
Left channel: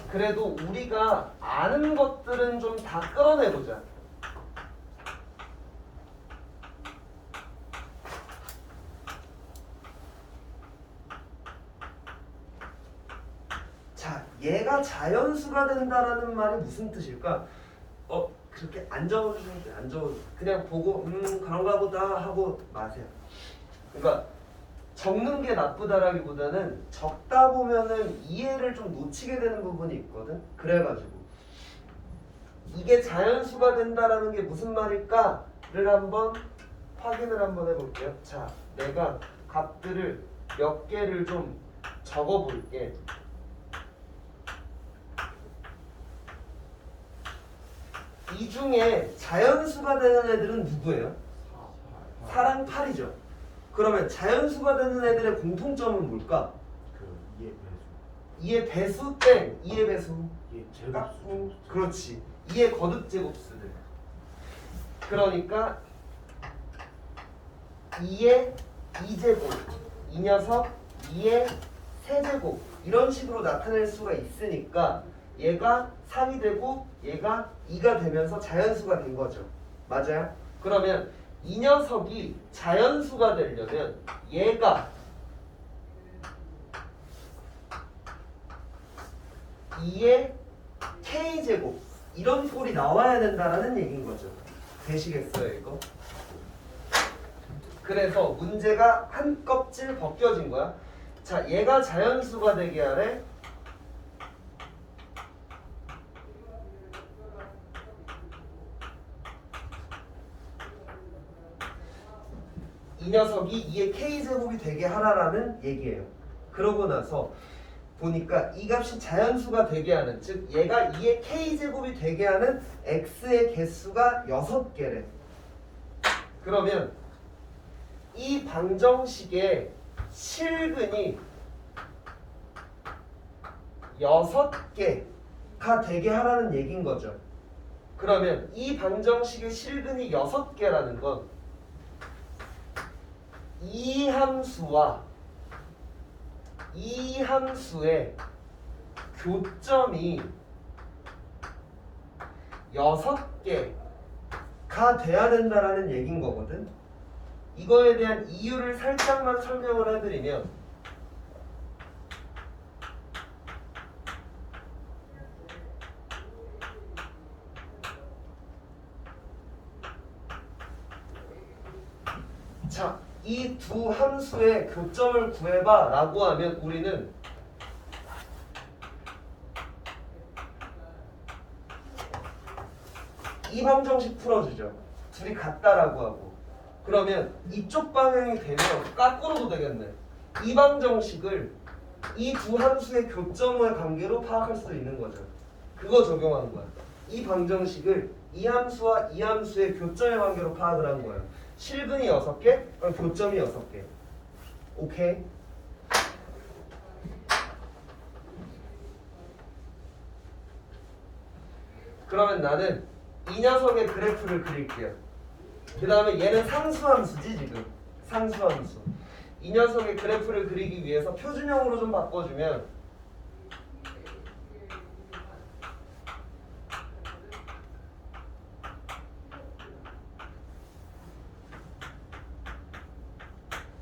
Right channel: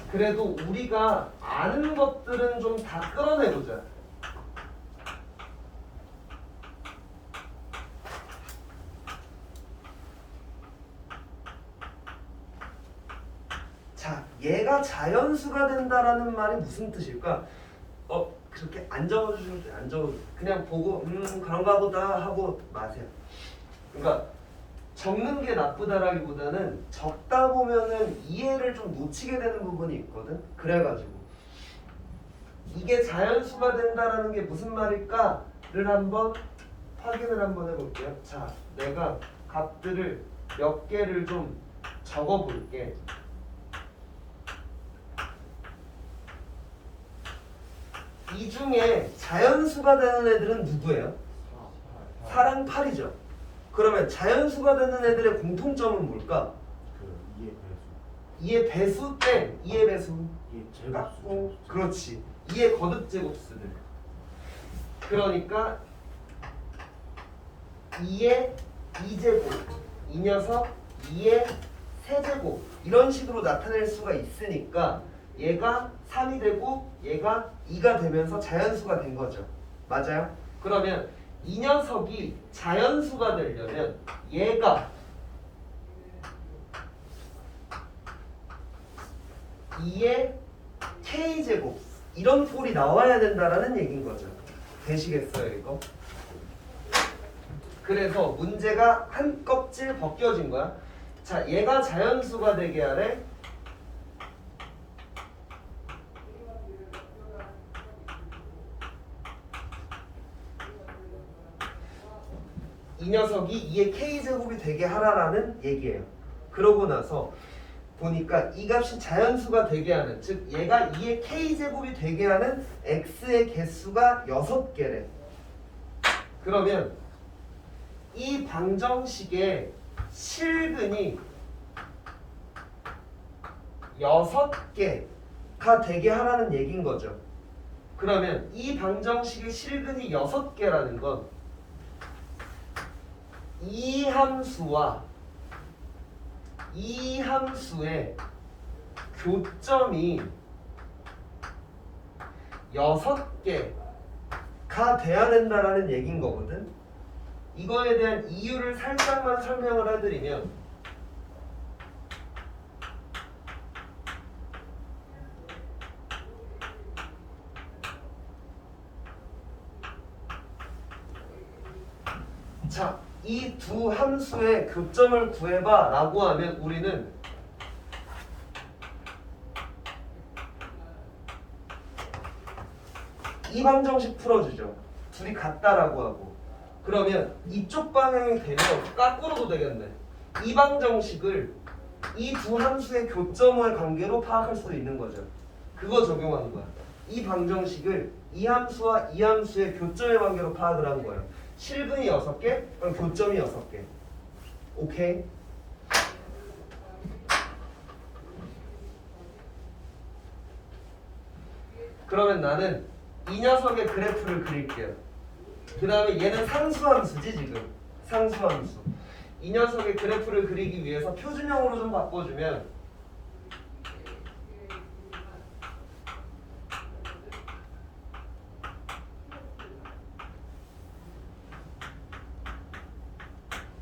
그래도 우리가 아는 것들은 좀 다 끌어내보자. 자, 얘가 자연수가 된다라는 말이 무슨 뜻일까? 그렇게 안 적어주시면 돼요. 안 적어주세요. 그냥 보고 그런가 보다 하고 마세요. 그러니까 적는 게 나쁘다라기보다는 적다 보면은 이해를 좀 놓치게 되는 부분이 있거든. 그래가지고 이게 자연수가 된다라는 게 무슨 말일까를 한번 확인을 한번 해볼게요. 자, 내가 값들을 몇 개를 좀 적어볼게. 이 중에 자연수가 되는 애들은 누구예요? 4랑 8이죠. 그러면 자연수가 되는 애들의 공통점은 뭘까? 이의 배수 땡. 이의 배수. 그렇지. 이의 거듭 제곱수들. 그러니까 2의 2제곱, 이 녀석 2의 세제곱 이런 식으로 나타낼 수가 있으니까 얘가 3이 되고 얘가 2가 되면서 자연수가 된 거죠. 맞아요? 그러면 이 녀석이 자연수가 되려면 얘가 2의 k제곱 이런 꼴이 나와야 된다라는 얘기인 거죠. 되시겠어요 이거? 그래서 문제가 한 껍질 벗겨진 거야. 자, 얘가 자연수가 되게 하래. 이 녀석이 2의 k제곱이 되게 하라라는 얘기예요. 그러고 나서 보니까 이 값이 자연수가 되게 하는, 즉 얘가 2의 k제곱이 되게 하는 x의 개수가 6개래. 그러면 이 방정식의 실근이 6개가 되게 하라는 얘기인 거죠. 그러면 이 방정식의 실근이 6개라는 건 이 함수와 이 함수의 교점이 6개가 돼야 된다라는 얘기인 거거든. 이거에 대한 이유를 살짝만 설명을 해드리면, 자, 이 두 함수의 교점을 구해봐 라고 하면 우리는 이 방정식 풀어주죠. 둘이 같다라고 하고. 그러면 이쪽 방향이 되면 거꾸로도 되겠네. 이 방정식을 이 두 함수의 교점의 관계로 파악할 수도 있는 거죠. 그거 적용한 거야. 이 방정식을 이 함수와 이 함수의 교점의 관계로 파악을 한 거예요. 실근이 6개, 그럼 교점이 6개. 오케이? 그러면 나는 이 녀석의 그래프를 그릴게요. 그 다음에 얘는 상수함수지 지금. 상수함수. 이 녀석의 그래프를 그리기 위해서 표준형으로 좀 바꿔주면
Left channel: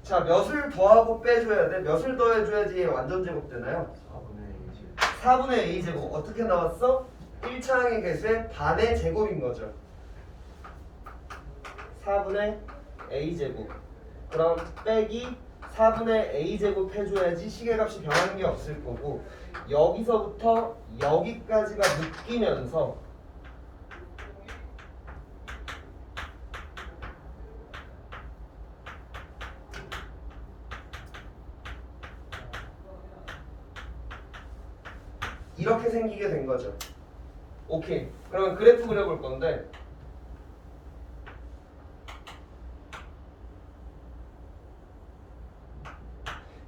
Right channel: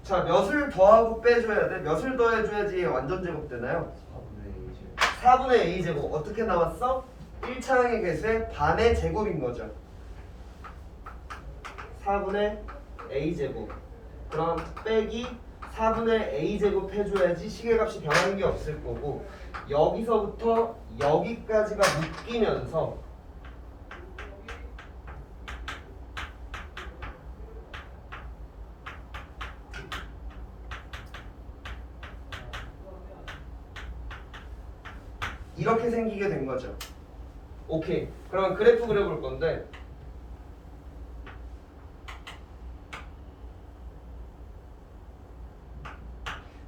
자, 몇을 더하고 빼줘야 돼? 몇을 더해줘야지 완전 제곱 되나요? 4분의 a제곱. 어떻게 나왔어? 1차항의 개수의 반의 제곱인 거죠. 4분의 a제곱. 그럼 빼기 4분의 a제곱 해줘야지 시계값이 변하는 게 없을 거고, 여기서부터 여기까지가 묶이면서 이렇게 생기게 된 거죠. 오케이. 그러면 그래프 그려볼 건데,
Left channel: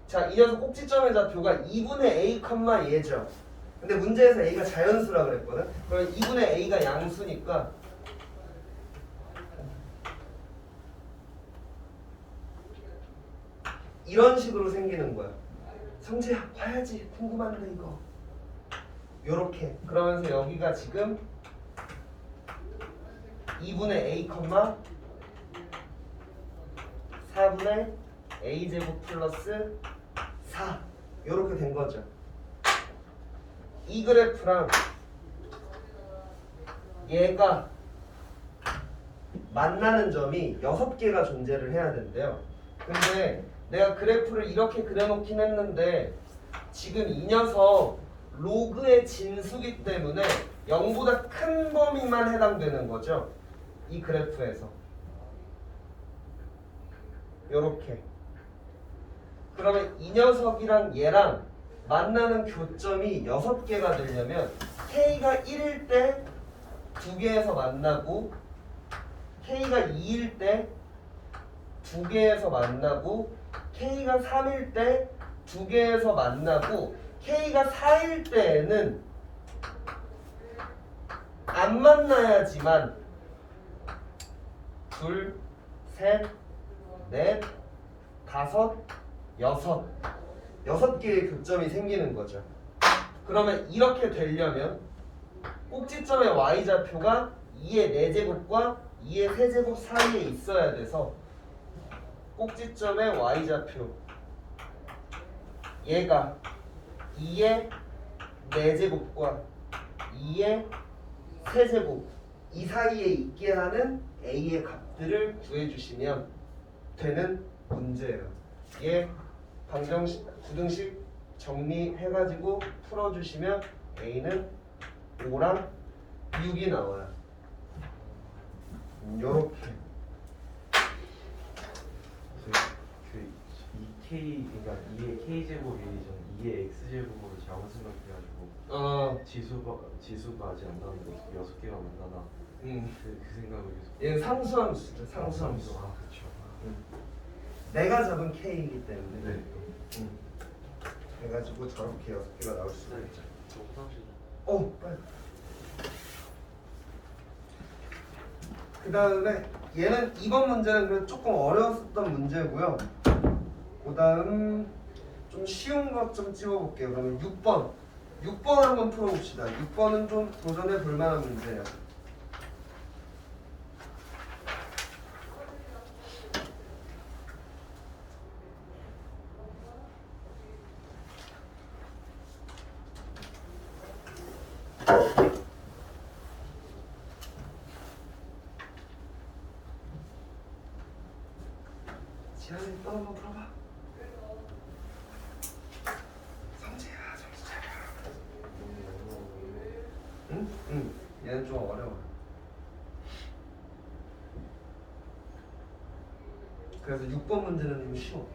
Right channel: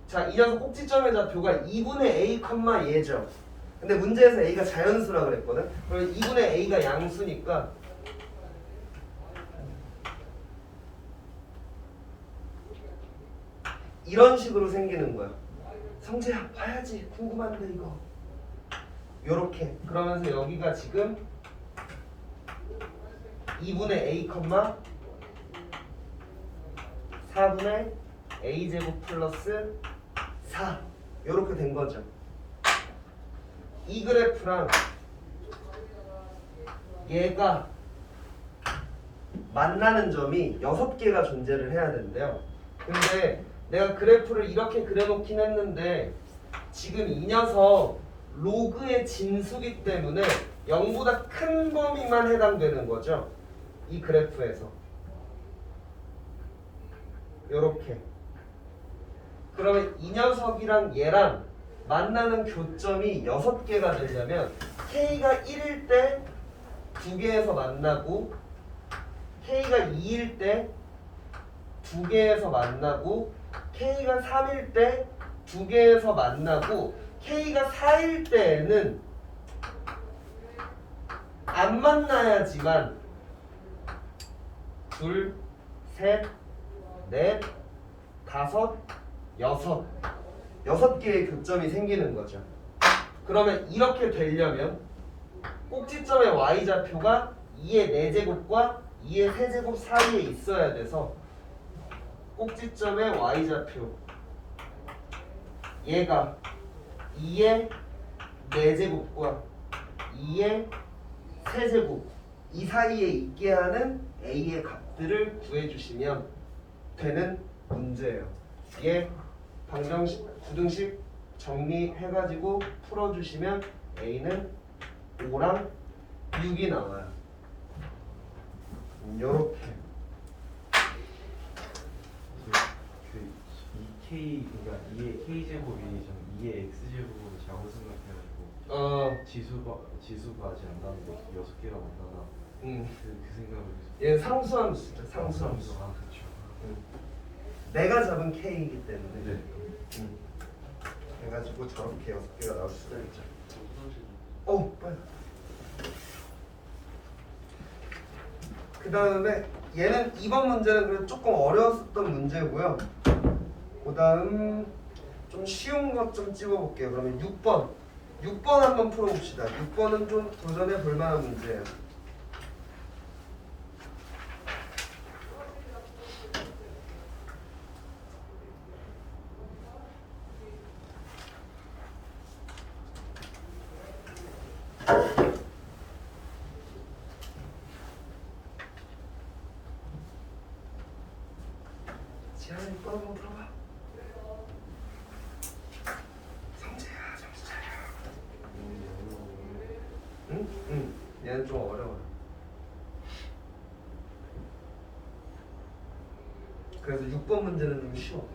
자, 이 녀석 꼭지점의 좌표가 2분의 a, 얘죠. 근데 문제에서 a가 자연수라 그랬거든. 그러면 2분의 a가 양수니까 이런 식으로 생기는 거야. 성재야, 봐야지. 궁금한데 이거. 요렇게. 그러면서 여기가 지금 2분의 a, 4분의 a제곱 플러스 4 요렇게 된 거죠. 이 그래프랑 얘가 만나는 점이 6개가 존재를 해야 된대요. 근데 내가 그래프를 이렇게 그려놓긴 했는데 지금 이 녀석 로그의 진수기 때문에 0보다 큰 범위만 해당되는 거죠. 이 그래프에서 요렇게. 그러면 이 녀석이랑 얘랑 만나는 교점이 6개가 되려면 K가 1일 때 2개에서 만나고, K가 2일 때 2개에서 만나고, K가 3일 때 2개에서 만나고, K가 4일 때에는 안 만나야지만 둘, 셋, 넷, 다섯, 6개의 교점이 생기는 거죠. 그러면 이렇게 되려면 꼭지점의 y좌표가 2의 4제곱과 2의 세제곱 사이에 있어야 돼서 꼭지점의 y좌표 얘가 2의 4제곱과 2의 세제곱 이 사이에 있게 하는 a의 값들을 구해주시면 되는 문제예요. 얘 방정식, 부등식 정리해가지고 풀어주시면 a는 5랑 6이 나와요. 요렇게. 그 2K 그러니까 2의 K 제곱이 2의 X 제곱으로 잘못 생각해가지고 지수가 아직 안 나는데 6개가 만나나 그 생각을 계속. 얘 상수함수죠. 상수함수. 아 그렇죠. 내가 잡은 K이기 때문에. 네. 그래가지고 저렇게 6개가 나올 수가 있죠. 저 화장실 빨리. 그 다음에 얘는 이번 문제는 그래도 조금 어려웠었던 문제고요. 그 다음 좀 쉬운 것 좀 찍어볼게요. 그러면 6번. 6번 한번 풀어봅시다. 6번은 좀 도전해 볼 만한 문제예요. 지하야 6번 한번 풀어봐. 성재야 정신 차려. 응? 얘는 좀 어려워. 그래서 6번 문제는 좀 쉬워.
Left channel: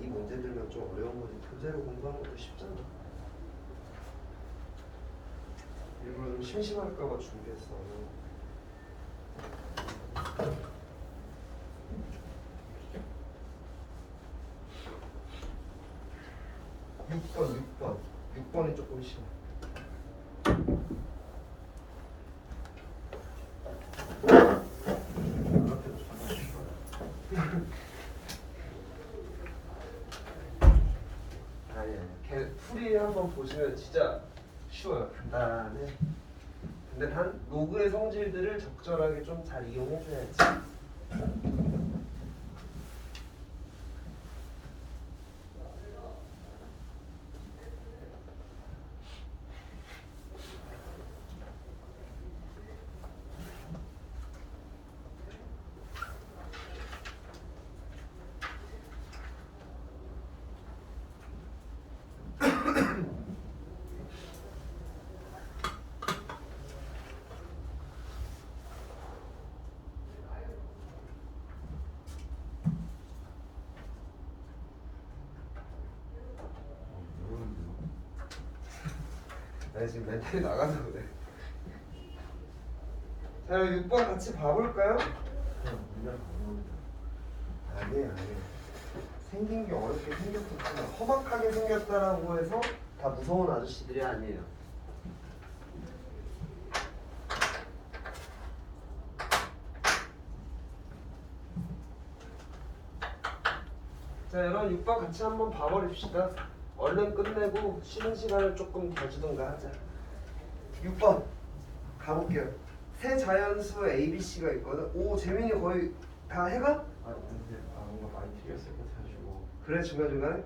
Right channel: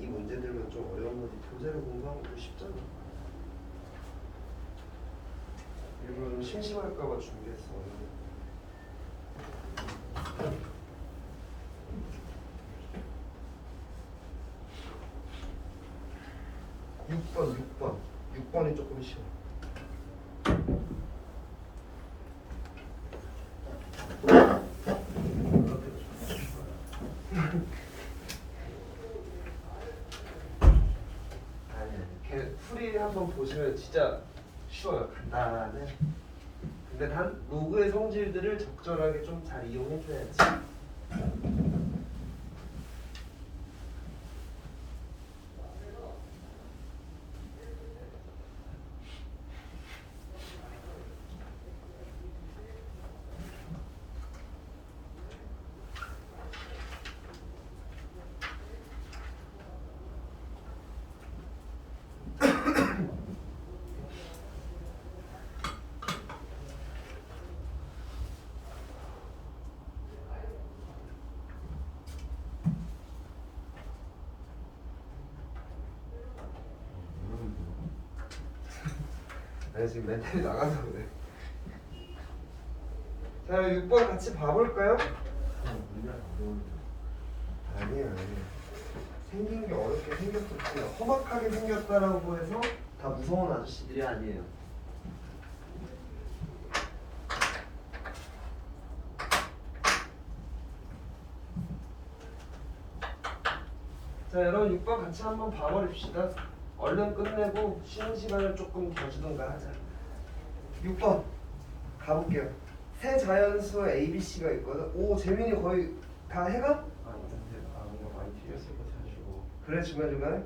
이 문제들만 좀 어려운 거지. 교재를 공부한 것도 쉽잖아. 일부러 좀 심심할까봐 준비했어. 6번이 조금 쉬워. 아니, 걔 풀이 한번 보시면 진짜 쉬워요. 간단해. 근데 단 로그의 성질들을 적절하게 좀 잘 이용해줘야지. 나 지금 멘탈이 나가서 그래. 자, 6번 같이 봐볼까요? 아니에요. 생긴 게 어렵게 생겼을 뿐이야. 험악하게 생겼다라고 해서 다 무서운 아저씨들이 아니에요. 자, 여러분 6번 같이 한번 봐버립시다. 얼른 끝내고 쉬는 시간을 조금 더 주든가 하자. 6번 가볼게요. 세 자연수 ABC가 있거든. 오, 재민이 거의 다 해가? 아니 근데 뭔가 많이 틀렸을 것 같아가지고. 그래, 중간중간에? 네.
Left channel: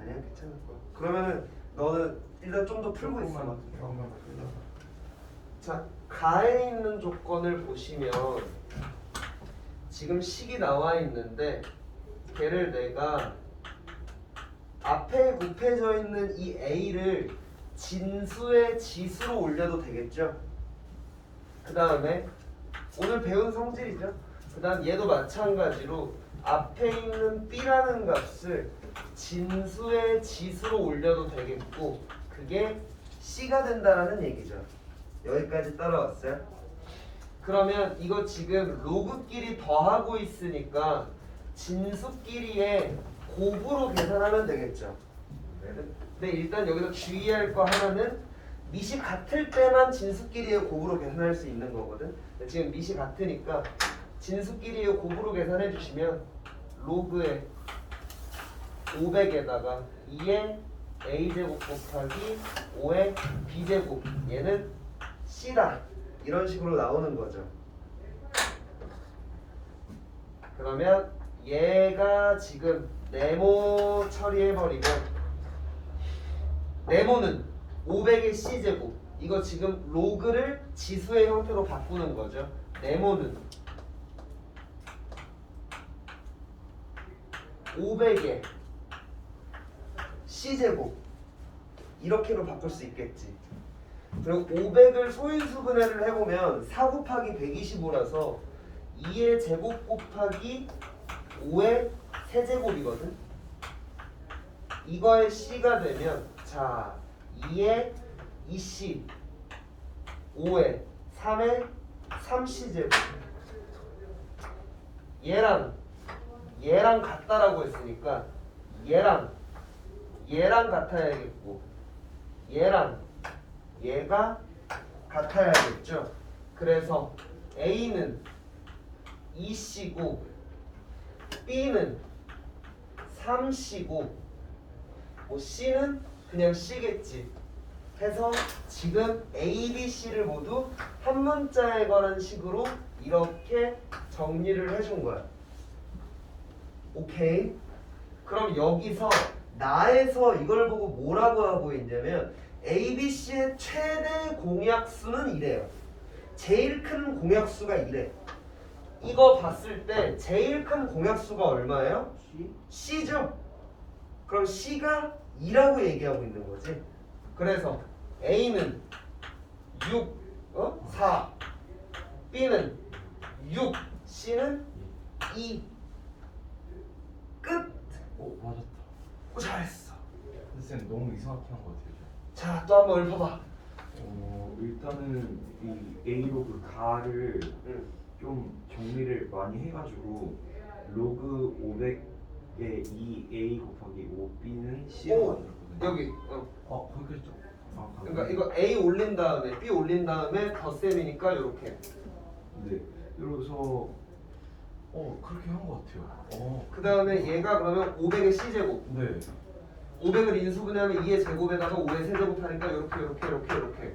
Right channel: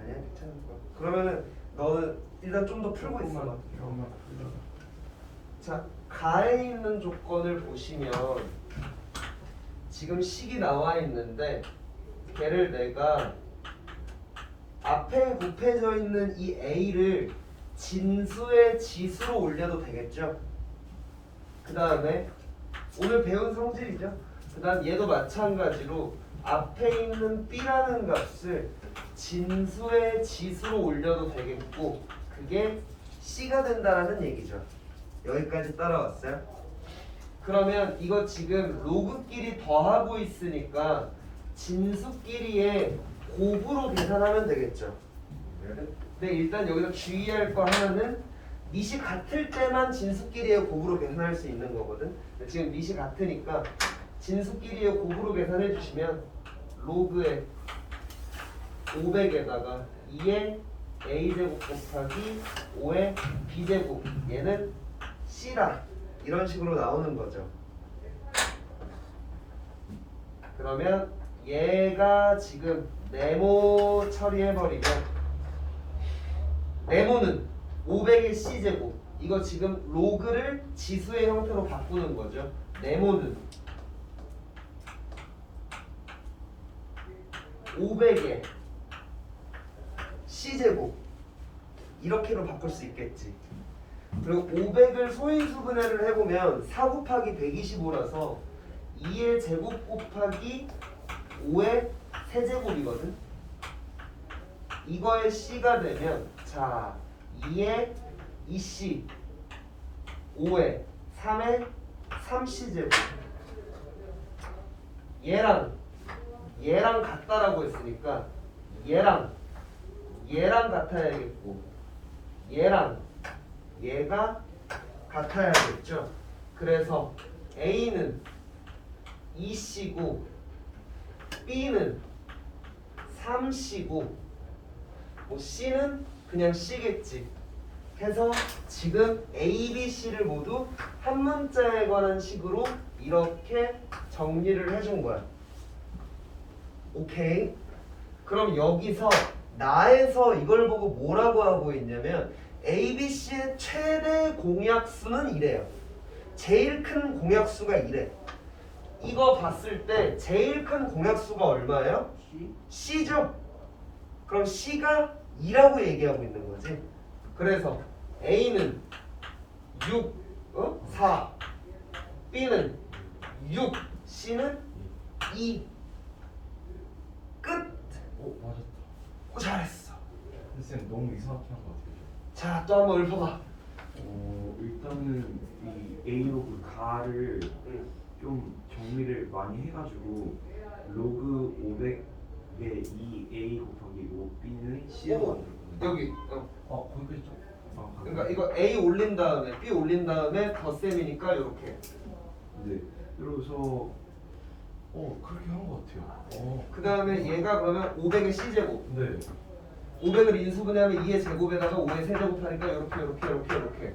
아니야, 괜찮을 거야. 그러면 너는 일단 좀 더 풀고 있어. 조금만 풀려. 자, 가에 있는 조건을 보시면 지금 식이 나와 있는데 걔를 내가 앞에 곱해져 있는 이 A를 진수의 지수로 올려도 되겠죠? 그 다음에 오늘 배운 성질이죠? 그 다음 얘도 마찬가지로 앞에 있는 B라는 값을 진수의 지수로 올려도 되겠고 그게 C가 된다라는 얘기죠. 여기까지 따라왔어요? 그러면 이거 지금 로그끼리 더하고 있으니까 진수끼리의 곱으로 계산하면 되겠죠. 근데 일단 여기서 주의할 거 하나는 밑이 같을 때만 진수끼리의 곱으로 계산할 수 있는 거거든. 근데 지금 밑이 같으니까 진수끼리의 곱으로 계산해 주시면 로그의 500에다가 2의 a제곱 곱하기 5의 b제곱 얘는 c다 이런 식으로 나오는 거죠. 그러면 얘가 지금 네모 처리해버리면 네모는 500의 c제곱 이거 지금 로그를 지수의 형태로 바꾸는 거죠. 네모는 500의 c제곱 이렇게로 바꿀 수 있겠지. 그리고 500을 소인수 분해를 해보면 4 곱하기 125라서 2의 제곱 곱하기 5의 세제곱이거든. 이거의 c가 되면 자 2의 2c 5의 3의 3c제곱 얘랑 같다라고 했으니까 얘랑 같아야겠고 얘랑 얘가 같아야겠죠. 그래서 A는 2C고 B는 3C고 뭐 C는 그냥 C겠지. 해서 지금 A, B, C를 모두 한 문자에 관한 식으로 이렇게 정리를 해준 거야. 오케이? 그럼 여기서 나에서 이걸 보고 뭐라고 하고 있냐면 A, B, C의 최대 공약수는 이래요. 제일 큰 공약수가 이래. 이거 봤을 때 제일 큰 공약수가 얼마예요? C죠? 그럼 C가 2라고 얘기하고 있는 거지. 그래서 A는 6, 4, B는 6, C는 2. 끝! 오 맞았다. 오, 잘했어. 근데 쌤 너무 이상하게 한 것 같아요. 자, 또 한번 읊어봐. 일단은 이 A로그 가를 응. 좀 정리를 많이 해가지고 로그 500에 2A 곱하기 5B는 C로 오, 만들었거든요. 여기 거기까지 좀. 그러니까 이거 A 올린 다음에 B 올린 다음에 덧셈이니까 이렇게 네. 이러면서 그렇게 한 것 같아요. 그 다음에 얘가 그러면 500의 C제곱 네. 500을 인수분해하면 2의 제곱에다가 5의 세제곱 하니까 이렇게